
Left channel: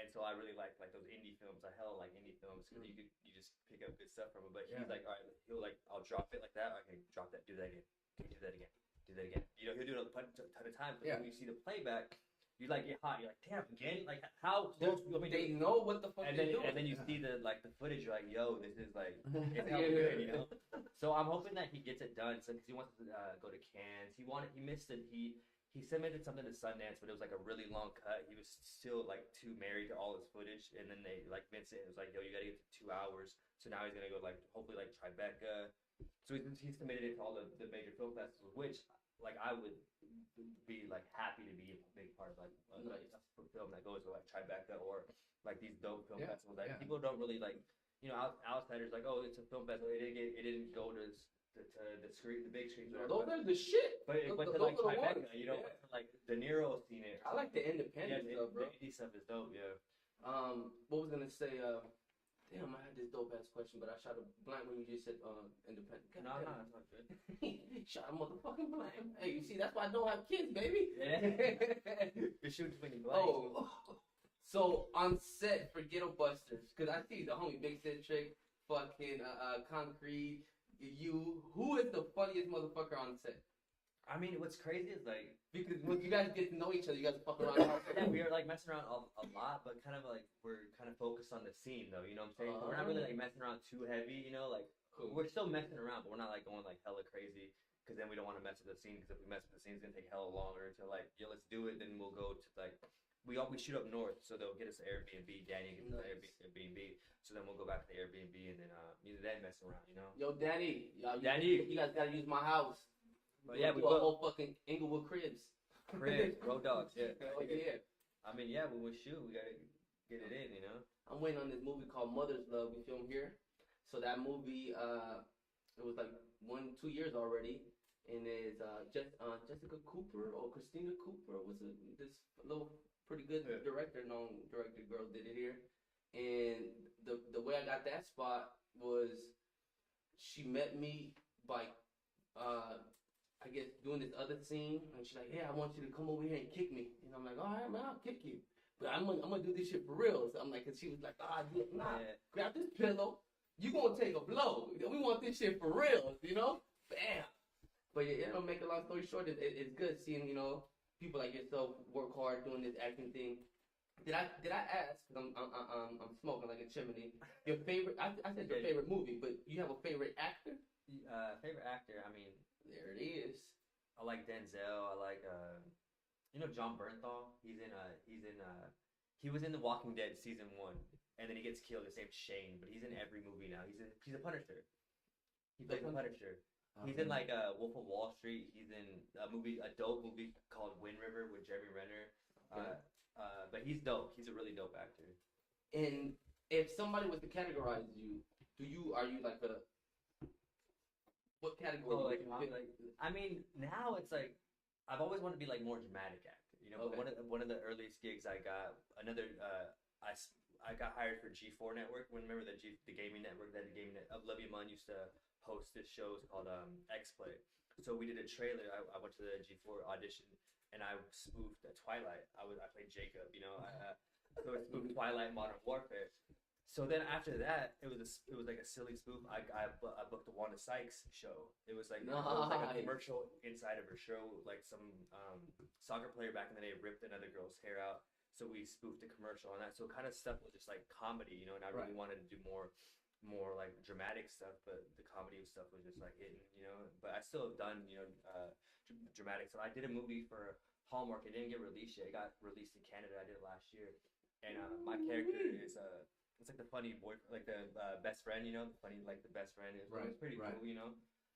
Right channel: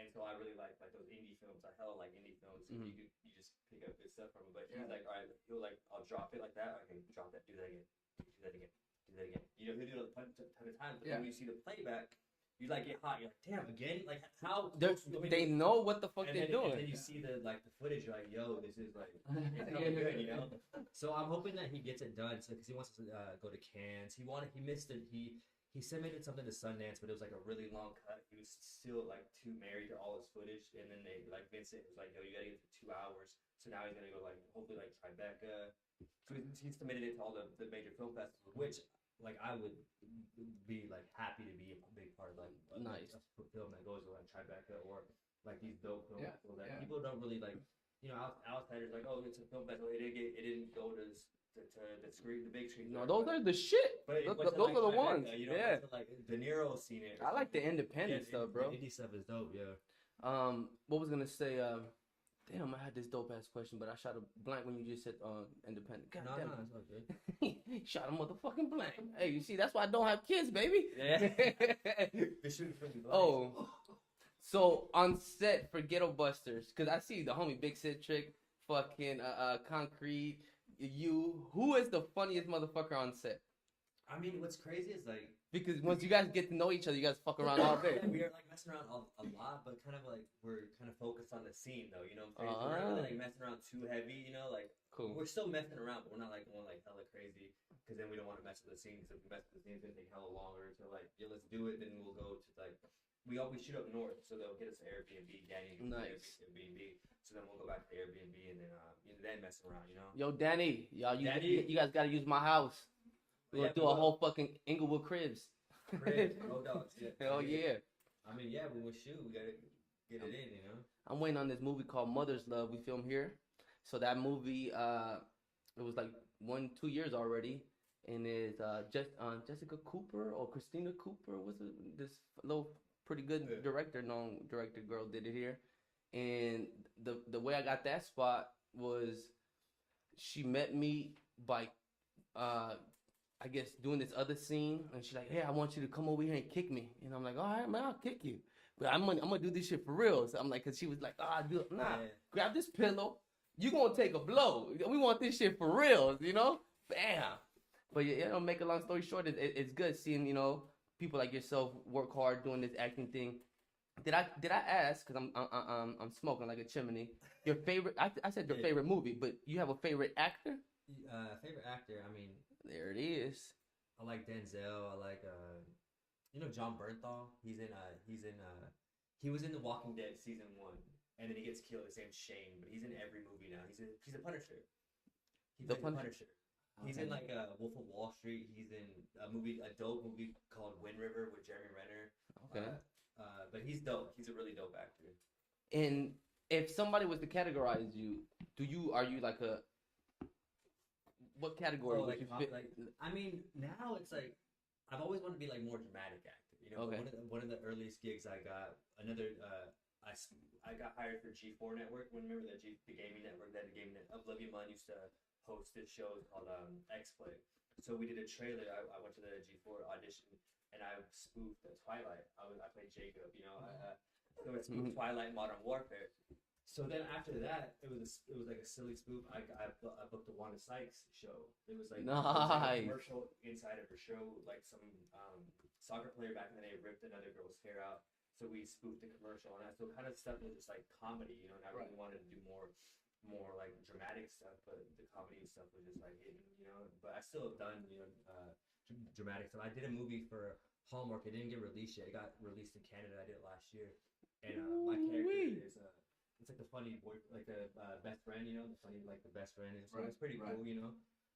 and so I really like those indie films. I hella like indie films. So you just pick up good stuff from him. But he's like, all right, he'll like I'll drop it like that. Okay, drop that. Do that again. Do that again. Do that again. You know, he'll do it a ton of times. But when you see the playback, you like get hot. You're like, damn, again? Like how? They know what the fuck they're doing. And then you see the footage. You're like, yo, this is like it's hella good, you know. So I'm hoping that he gets it done. So because he wants to go to Cannes. He missed it. He submitted something to Sundance, but it was like a really long cut. He was still like too married to all his footage, and then they like Vincent was like, yo, you gotta get to 2 hours. So now he's gonna go like hopefully like Tribeca. So he submitted it to all the major film festivals, which like I would be like happy to be a big part of like a film that goes to like Tribeca or like these dope film festivals. Like people don't really like, outsiders like, oh, it's a film festival. It didn't go to the screen, the big screen. No, those are the shit. But those like are the Tribeca, ones. you know, like De Niro seen it. I like the independent stuff, bro. The indie stuff is dope. Yeah. What was I gonna say? Damn, I had this dope ass question, but I shot a blank when you just said independent. God damn, that's not good. Shot a motherfucking blank. Hey, you see, that's why I don't have kids, baby. Yeah. The shoot when you blank. So on set for Ghetto Busters, cause I see the homie Big Sid Trick, fucking Concrete. Who is the funniest motherfucker on set? I mean, what's crazy is like because once you guys get to know each other, you guys fuck around all day. Yeah, we are like messing around a lot, but kind of like we're kind of focused on the scene though. You know what I'm saying? We're not really like messing around too heavy. You know, like cool. We're still messing around, but we're not like going like hella crazy. because then we don't want to mess with the scene. Because if we mess with the scene, it's gonna take hella longer to like, yo, let's do it. Then we'll go to like, we shoot up north, so they'll get us an Airbnb. Danny gets Nice. Airbnb, so then we'll go back to the Airbnb and then mess around, you know. Yo, Danny, Danny. you guys gotta use my house. But We'll yeah, do a whole fucking Inglewood Cribs. Rowdoggs, yeah. Hell yeah. I mean, yeah, when we shoot, we gotta get it in, you know. I'm waiting on this movie called Mother's Love. We filmed here, so that movie, it was like 1-2 years already, and it's Jessica Cooper or Christina Cooper. What's it? This little pretty good known director girl did it here, and the way I got that spot was she met me by I guess doing this other scene, and she's like, "Hey, I want you to come over here and kick me." And I'm like, "All right, man, I'll kick you, but I'm gonna do this shit for real." So I'm like, cause she was like, grab this pillow, you gonna take a blow. We want this shit for real, you know? Bam. But yeah, make a long story short, it's good seeing people like yourself work hard doing this acting thing. Did I ask? Cause I'm smoking like a chimney. Your favorite? I said your favorite movie, but you have a favorite actor? Favorite actor? I mean. There it is. I like Denzel. I like John Bernthal. He was in The Walking Dead season 1, and then he gets killed. His name's Shane, but he's in every movie now. He's a Punisher. He plays the Punisher. He's in like Wolf of Wall Street. He's in a dope movie called Wind River with Jeremy Renner. Okay. But he's dope. He's a really dope actor. And if somebody was to categorize you, are you like a what category? I mean, now it's like I've always wanted to be like more dramatic actor. You know, Okay. one of the earliest gigs I got, I got hired for G4 Network. Remember the gaming network? That the gaming Olivia Munn used to host this show called X Play. So we did a trailer. I went to the G4 audition and I spoofed Twilight. I played Jacob. You know, so it spoofed Twilight, Modern Warfare. So then after that, it was like a silly spoof. I booked the Wanda Sykes show. It was like, a commercial inside of her show. Like some soccer player back in the day ripped another girl's hair out. So we spoofed the commercial on that. So kind of stuff was just like comedy, and I really wanted to do more like dramatic stuff. But the comedy stuff was just like hitting, But I still have done dramatic stuff. I did a movie for Hallmark. It didn't get released yet. It got released in Canada. I did it last year, and my character is it's like the funny boy, like the best friend, the funny, like the best friend. So it's pretty cool,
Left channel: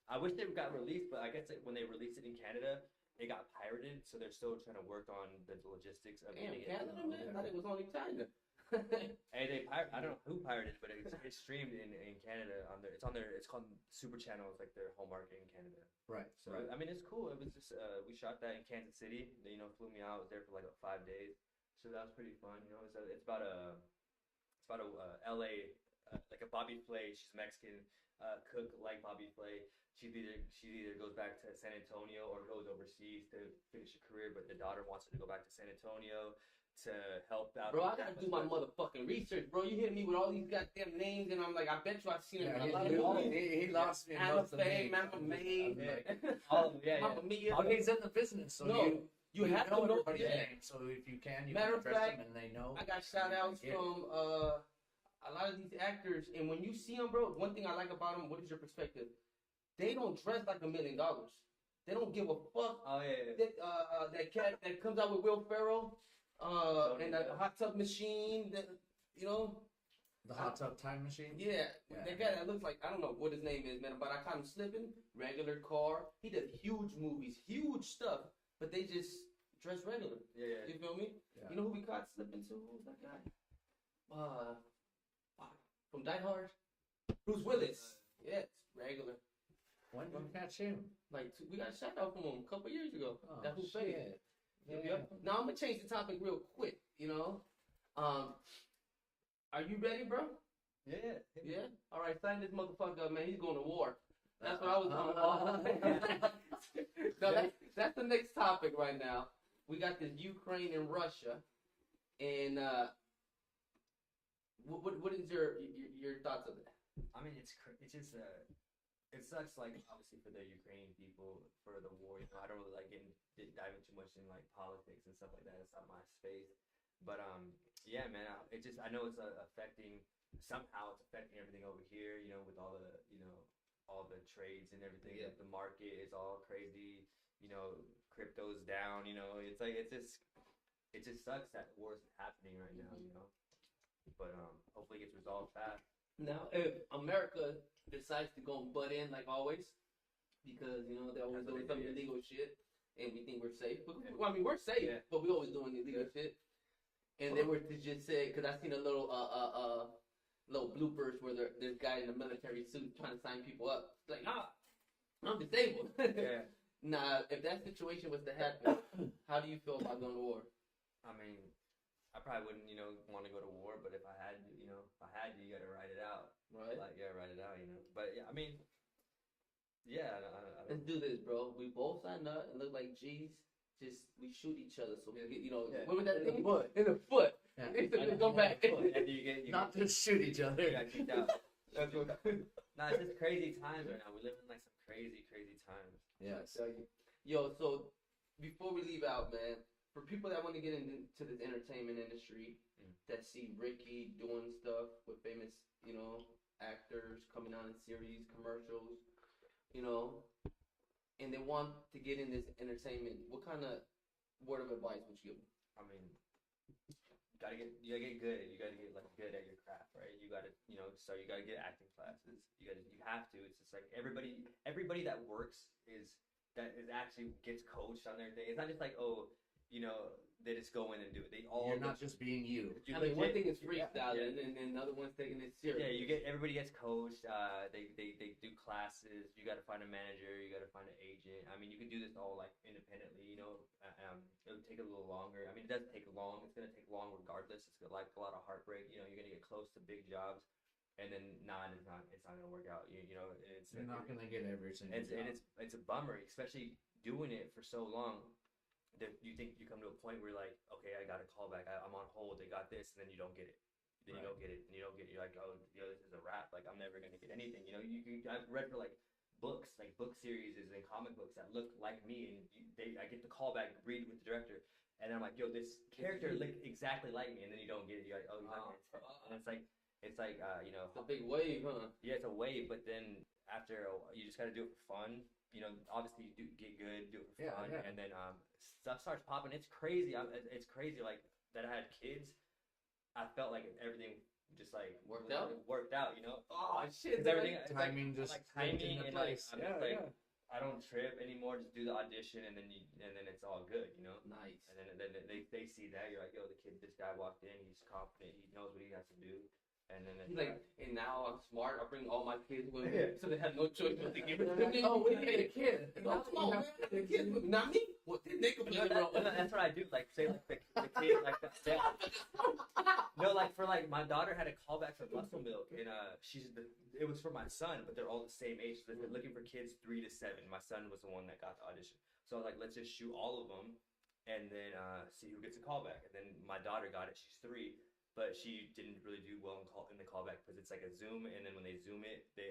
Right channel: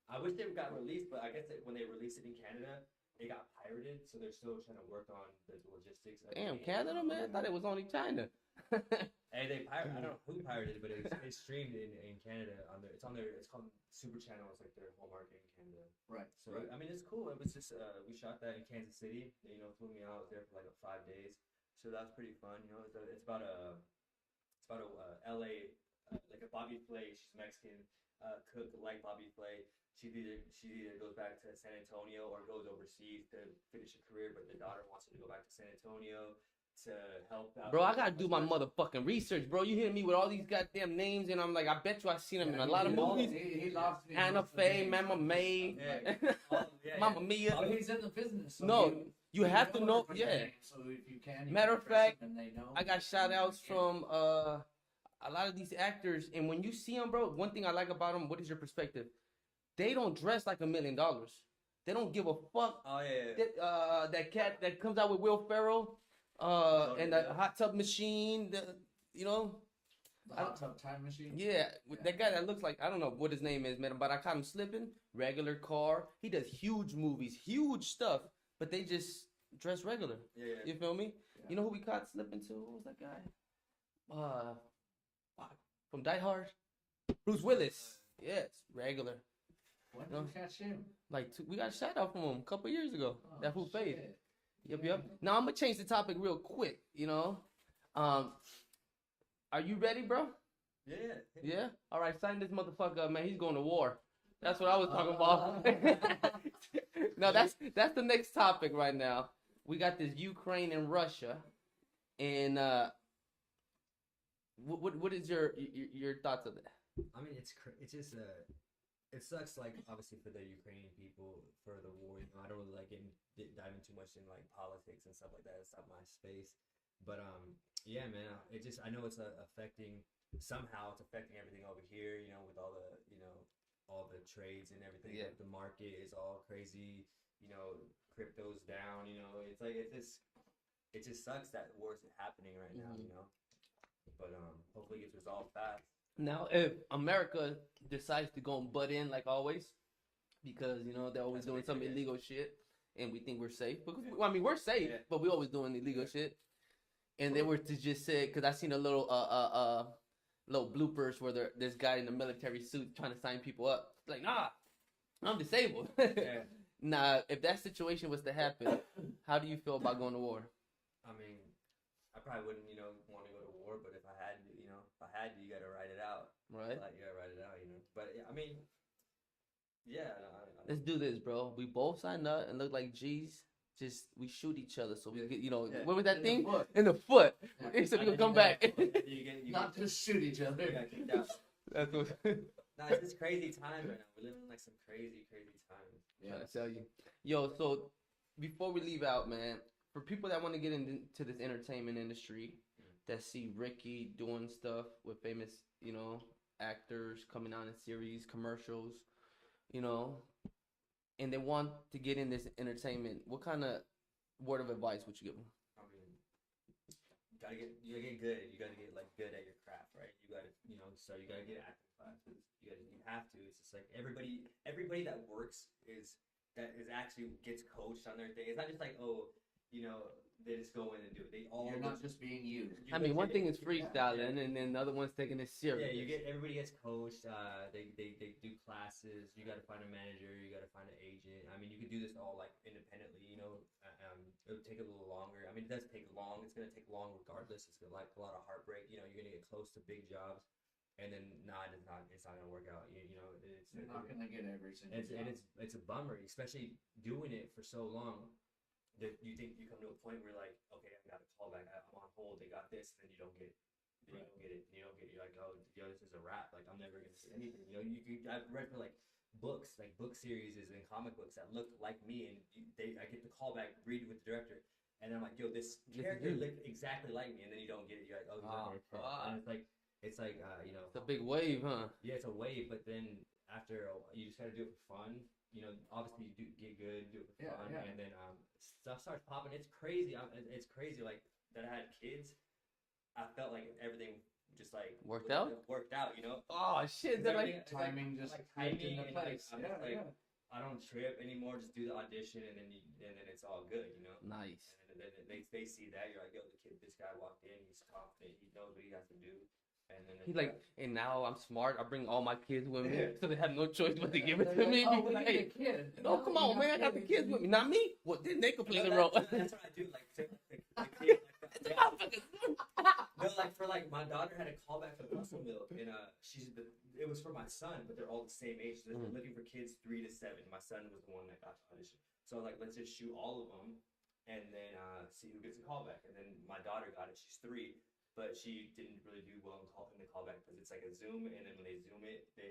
I wish they got released, but I guess when they released it in Canada, it got pirated, so they're still trying to work on the logistics. Damn, Canada, man! I thought it was only China. And I don't know who pirated it, but it's streamed in Canada on their. It's called Super Channel. It's like their home market in Canada. Right. So I mean, it's cool. It was just we shot that in Kansas City. They flew me out. I was there for like 5 days, so that was pretty fun. It's about a LA, like a Bobby Flay. She's Mexican, cook like Bobby Flay. She either goes back to San Antonio or goes overseas to finish a career, but the daughter wants her to go back to San Antonio to help out. Bro, I gotta do my motherfucking research, bro. You hitting me with all these goddamn names, and I'm like, I bet you I've seen them in a lot of movies. He lost me. Anna Faye, Mama May, Mama Mia. Oh, he's in the business. So no, you have to know. everybody's Yeah. name, so if you can, you Matter can of address fact, them and they know. I got shout outs from a lot of these actors, and when you see them, bro, one thing I like about them, what is your perspective? They don't dress like $1 million. They don't give a fuck. Oh yeah. That cat that comes out with Will Ferrell, and the hot tub machine, The hot tub time machine. Yeah, that guy that looks like, I don't know what his name is, man, but I caught him slipping. Regular car. He does huge movies, huge stuff, but they just dress regular. Yeah. You feel me? Yeah. You know who we caught slipping to? Who was that guy? From Die Hard. Bruce Willis. Yes, regular. When did you catch him? Like we got a shout out from him a couple years ago. Oh, that who paid. shit. Yep. Yeah. Now I'm gonna change the topic real quick. Are you ready, bro? Yeah. Yeah. All right, sign this motherfucker up, man. He's going to war. That's what I was talking about. No, that's the next topic right now. We got this Ukraine and Russia, and what is your thoughts of that? I mean, it's just it sucks. Like obviously for the Ukrainian people for the war. I don't really like diving too much in like politics and stuff like that. It's not my space. But yeah, man. I know it's affecting somehow. It's affecting everything over here. With all the the trades and everything. Yeah. Like, the market is all crazy. You know, crypto's down. You know, it's like it just sucks that war's happening right now. You know, but hopefully it gets resolved fast. Now, if America decides to go and butt in like always, because you know they're always That's what doing they some do, yeah. illegal shit, and we think we're safe. Because, Yeah. well, I mean, we're safe, Yeah. but we always doing illegal shit. And they were to just say, because I seen a little little bloopers where this guy in a military suit trying to sign people up. It's like, nah, I'm disabled. Yeah. Nah, if that situation was to happen, how do you feel about going to war? I mean, I probably wouldn't, you know, want to go to war, but if I had to, you know, you gotta ride it out. Right? Like, you gotta ride it out, you know. But yeah, I mean, yeah, I Let's do this, bro. We both signed up and look like G's. Just we shoot each other so we get, you know, what was that In the thing? foot. In the foot. Yeah. So we And can then come you back. got the foot. And you Not just shoot each other. you got kicked out. That's what Nah, it's just crazy times right now. We live in like some crazy times. I tell you. Yo, so before we leave out, man, for people that want to get into this entertainment industry, that see Ricky doing stuff with famous, you know, actors coming on in series, commercials, you know, and they want to get in this entertainment, what kind of word of advice would you give them? I mean, you gotta get good. You gotta get like good at your craft, right? You gotta, you know, so you gotta get acting classes. You have to. It's just like everybody that works actually gets coached on their day. It's not just like, oh, you know, they just go in and do it. They all You're not just being you. I mean, one thing is Yeah, freestyling, and then the other one's taking it serious. Yeah, everybody gets coached. They do classes. You got to find a manager. You got to find an agent. I mean, you can do this all like independently. You know, it would take a little longer. I mean, it does take long. It's gonna take long regardless. It's like a lot of heartbreak. You know, you're gonna get close to big jobs, and then it's not gonna work out. You know, You're not gonna get every single and job. it's a bummer, especially doing it for so long. That you think you come to a point where you're like, okay, I got a call back. I'm on hold. They got this, and then you don't get it. Then you don't get it, and you don't get it. You're like, oh, yo, this is a wrap. Like, I'm never gonna get anything. You know, I've read for like books, like book series and comic books that look like me, and I get the call back, read with the director, and I'm like, yo, this character looked exactly like me, and then you don't get it. You're like, oh, he's not gonna tell. And it's like you know, It's a big wave, huh? yeah, it's a wave, but then after you just gotta do it for fun. You know, obviously you do get good, do it for fun, and then stuff starts popping. It's crazy. It's crazy. Like that I had kids. I felt like everything just like Worked out. You know. Oh shit! It's everything. Like, It's timing like, just like timing into and like place. I'm just like I don't trip anymore. Just do the audition and then it's all good. You know. nice. And then they see that you're like, yo, this guy walked in. He's confident. He knows what he has to do. And then He's like, and now I'm smart. I bring all my kids with me, so they have no choice but to give it to me. Oh, we Like, need a kid. oh, come on, man! I got the kids with me, not me. Well, then they completely wrong. That's what I do. Like say like the kid like that. Yeah. No, like for like my daughter had a callback for Muscle Milk, and it was for my son, but they're all the same age. So they're looking for kids 3 to 7. My son was the one that got the audition. So like, let's just shoot all of them, and then see who gets a callback. And then my daughter got it. She's 3. But she didn't really do well in the callback because it's like a zoom, and then when they zoom it, they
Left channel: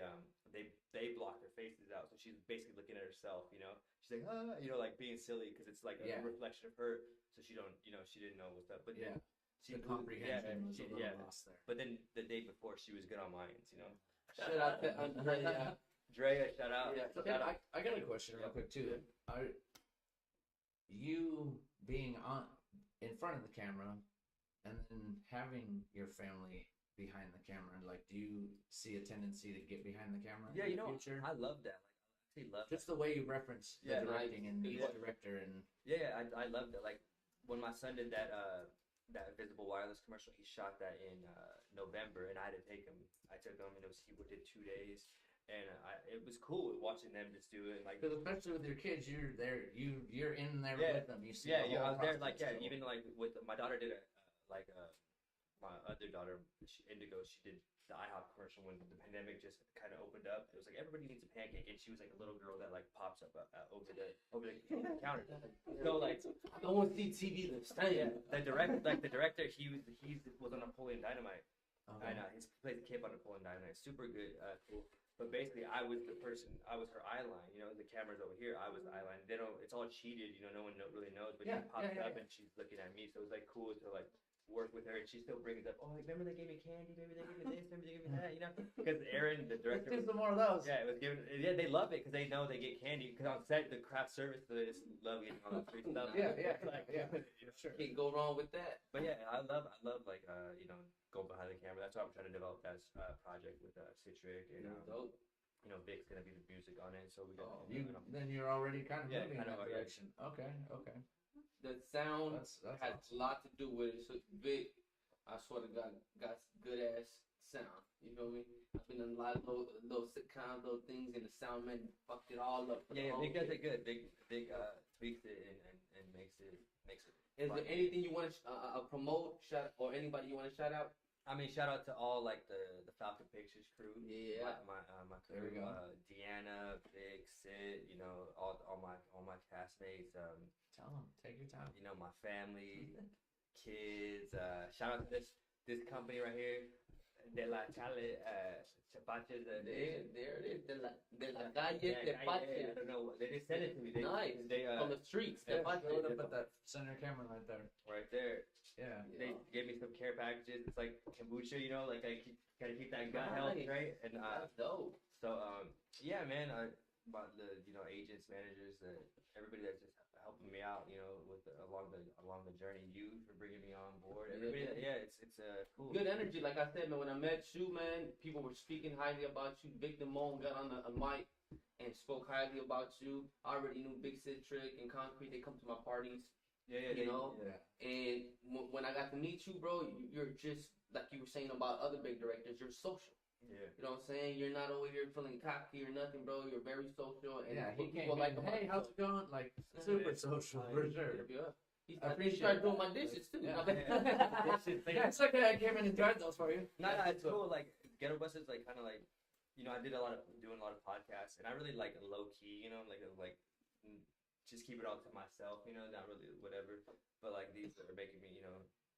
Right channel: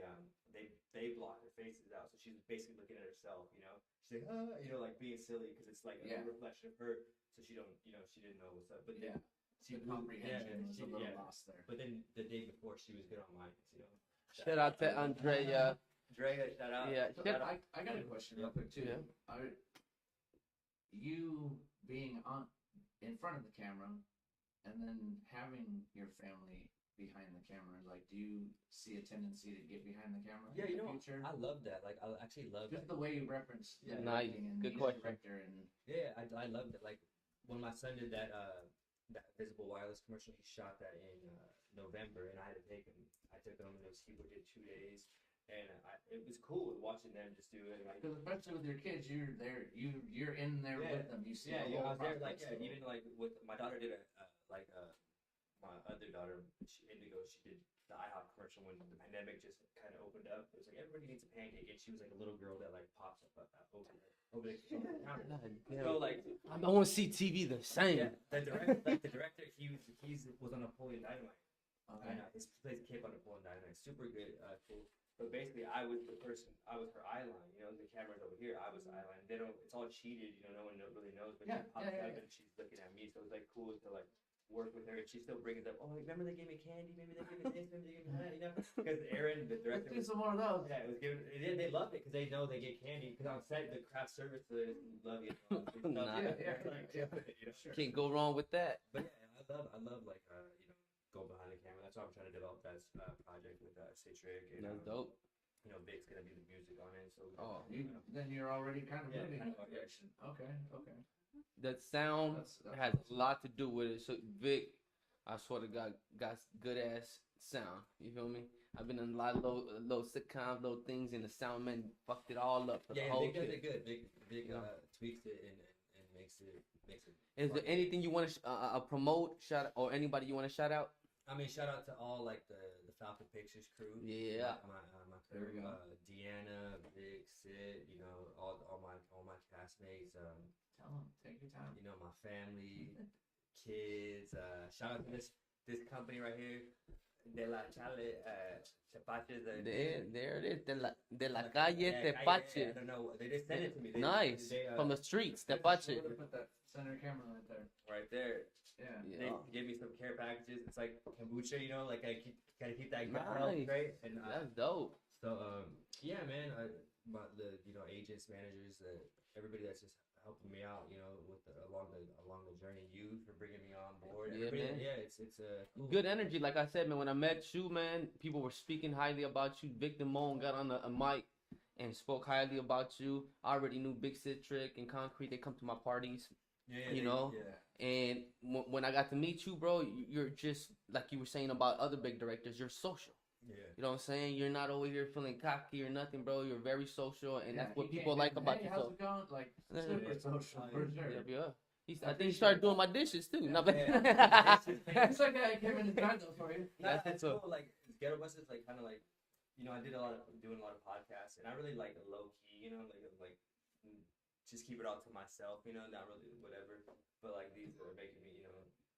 block their faces out, so she's basically looking at herself. You know, she's like, you know, like being silly because it's like a reflection of her, so she didn't know what's up. But then she The comprehension was a little lost there. But then the day before, she was good on Lions. You know, Shout out to Andrea. Drea, shout out. Yeah, Shout out. I got a question real quick too. Yeah. You being in front of the camera, and then having your family behind the camera, like, do you see a tendency to get behind the camera Yeah, in you the know, future? I love that. Like, I actually love Just that. the way you reference the Yeah, directing and good the question. director and Yeah, I love that. Like when my son did that Visible Wireless commercial, he shot that in November, and I had to take him. I took him, and he did 2 days, and it was cool watching them just do it. Like, because especially with your kids, you're there, you're in there with them. You see, yeah, the I whole was there. process, Like, yeah, so- even like with my daughter did my other daughter, Indigo, she did the IHOP commercial when the pandemic just kind of opened up. It was like everybody needs a pancake, and she was like a little girl that like pops up over the counter. So like, I want to see TV the same. the director, he was on Napoleon Dynamite, and his plays a kid on Napoleon Dynamite. Super good, cool. But basically, I was her eye line. You know, the camera's over here. I was the eye line. They don't. It's all cheated. You know, no one really knows. But she pops up and she's looking at me. So it was like cool to like work with her, and she still brings up, oh, remember they gave me candy, maybe they gave me this, maybe they gave me that, you know? Because Aaron, the director, Let's do some more of those. yeah, it was given. Yeah, they love it because they know they get candy. Because on set, the craft service, so they just love getting all that free stuff. Yeah, You know, sure. Can't go wrong with that. But yeah, I love like you know, going behind the camera. That's why I'm trying to develop that project with Citric and That's dope. you know, Vic's gonna be the music on it. So we got, Oh, Then you're already kind of Yeah, moving in kind that of, direction. Okay. The sound That's has awesome. a lot to do with it. So Vic, I swear to God, got good ass sound. You feel me? I've been in a lot of little sitcoms, little things, and the sound man fucked it all up for the yeah, whole Vic does shit. it good. Vic tweaks it and makes it. Is fun. there anything you want to promote, shout, or anybody you want to shout out? I mean, shout out to all like the Falcon Pictures crew. Yeah. my crew. There we go. Deanna, Vic, Sid. You know, all my castmates. Tell them. Take your time. You know, my family, kids. Shout out to this company right here, De La Chale, Chapaches. There it is. De la calle Tepache. I don't know. They just sent it to me. Nice. From the streets, Tepache. Show them, put that center camera right there. Right there. Yeah. They gave me some care packages. It's like kombucha, you know, like gotta keep that gut health, Nice. right? And That's dope. so yeah, man. The agents, managers, everybody that's just helping me out, you know, with along the journey. You for bringing me on board. Yeah, Everybody, man. it's cool. Good energy, like I said, man. When I met you, man, people were speaking highly about you. Victor Moan got on a mic and spoke highly about you. I already knew Big Citric and Concrete. They come to my parties. Yeah, you know? Yeah. And when I got to meet you, bro, you're just like you were saying about other big directors. You're social. Yeah. You know what I'm saying? You're not over here feeling cocky or nothing, bro. You're very social, and Yeah, that's what he people came like in, about hey, you. how's it going? Like, Yeah. super social, for sure. Yeah. I I think he appreciate started that. doing my dishes too. Yeah. Not bad. It's okay, I came in to drive those for you. No, That's it's what's up. cool. Like Ghetto Bus is like kind of like, you know, I did doing a lot of podcasts, and I really like low key, you know, like just keep it all to myself, you know, not really whatever. But like these are making me, you know,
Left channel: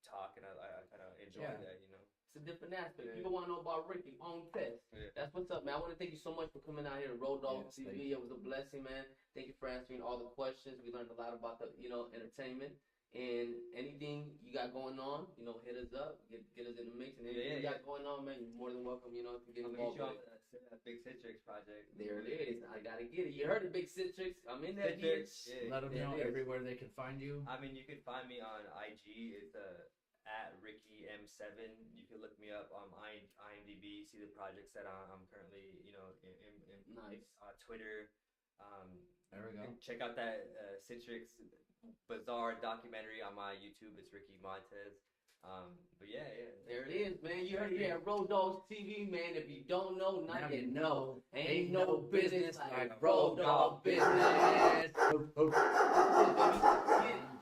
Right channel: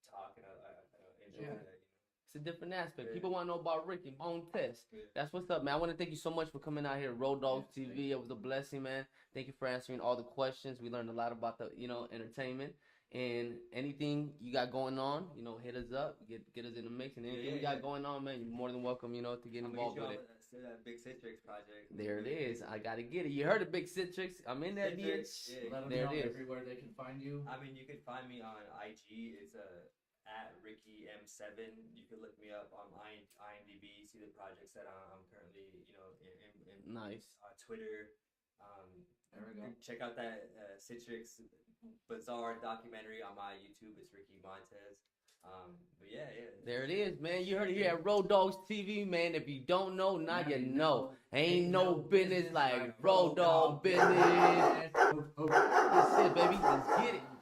talk, and I kind of enjoy Yeah. that, you know. It's a different aspect. Yeah. People want to know about Ricky MONTEZ. Yeah. That's what's up, man. I want to thank you so much for coming out here to Rowdoggs Yes, thank TV. It was a blessing, man. Thank you for answering all the questions. We learned a lot about the, entertainment. And anything you got going on, hit us up, get us in the mix. And anything we got going on, man, you're more than welcome, to get involved with it. Big Citrix project. There it is. I gotta get it. You heard of Big Citrix? I'm in that bitch. Yeah. Let them There know it is. everywhere they can find you. I mean, you can find me on IG. It's at Ricky M7. You can look me up on IMDb. See the projects that I'm currently, in Nice. Twitter. There we go. Check out that Citrix Bizarre documentary on my YouTube. It's Ricky MONTEZ. But yeah. There it is, man. You heard it here at Rowdoggs TV, man. If you don't know, now you know. Ain't no business like Rowdogg business. That's it, baby. Let's get it.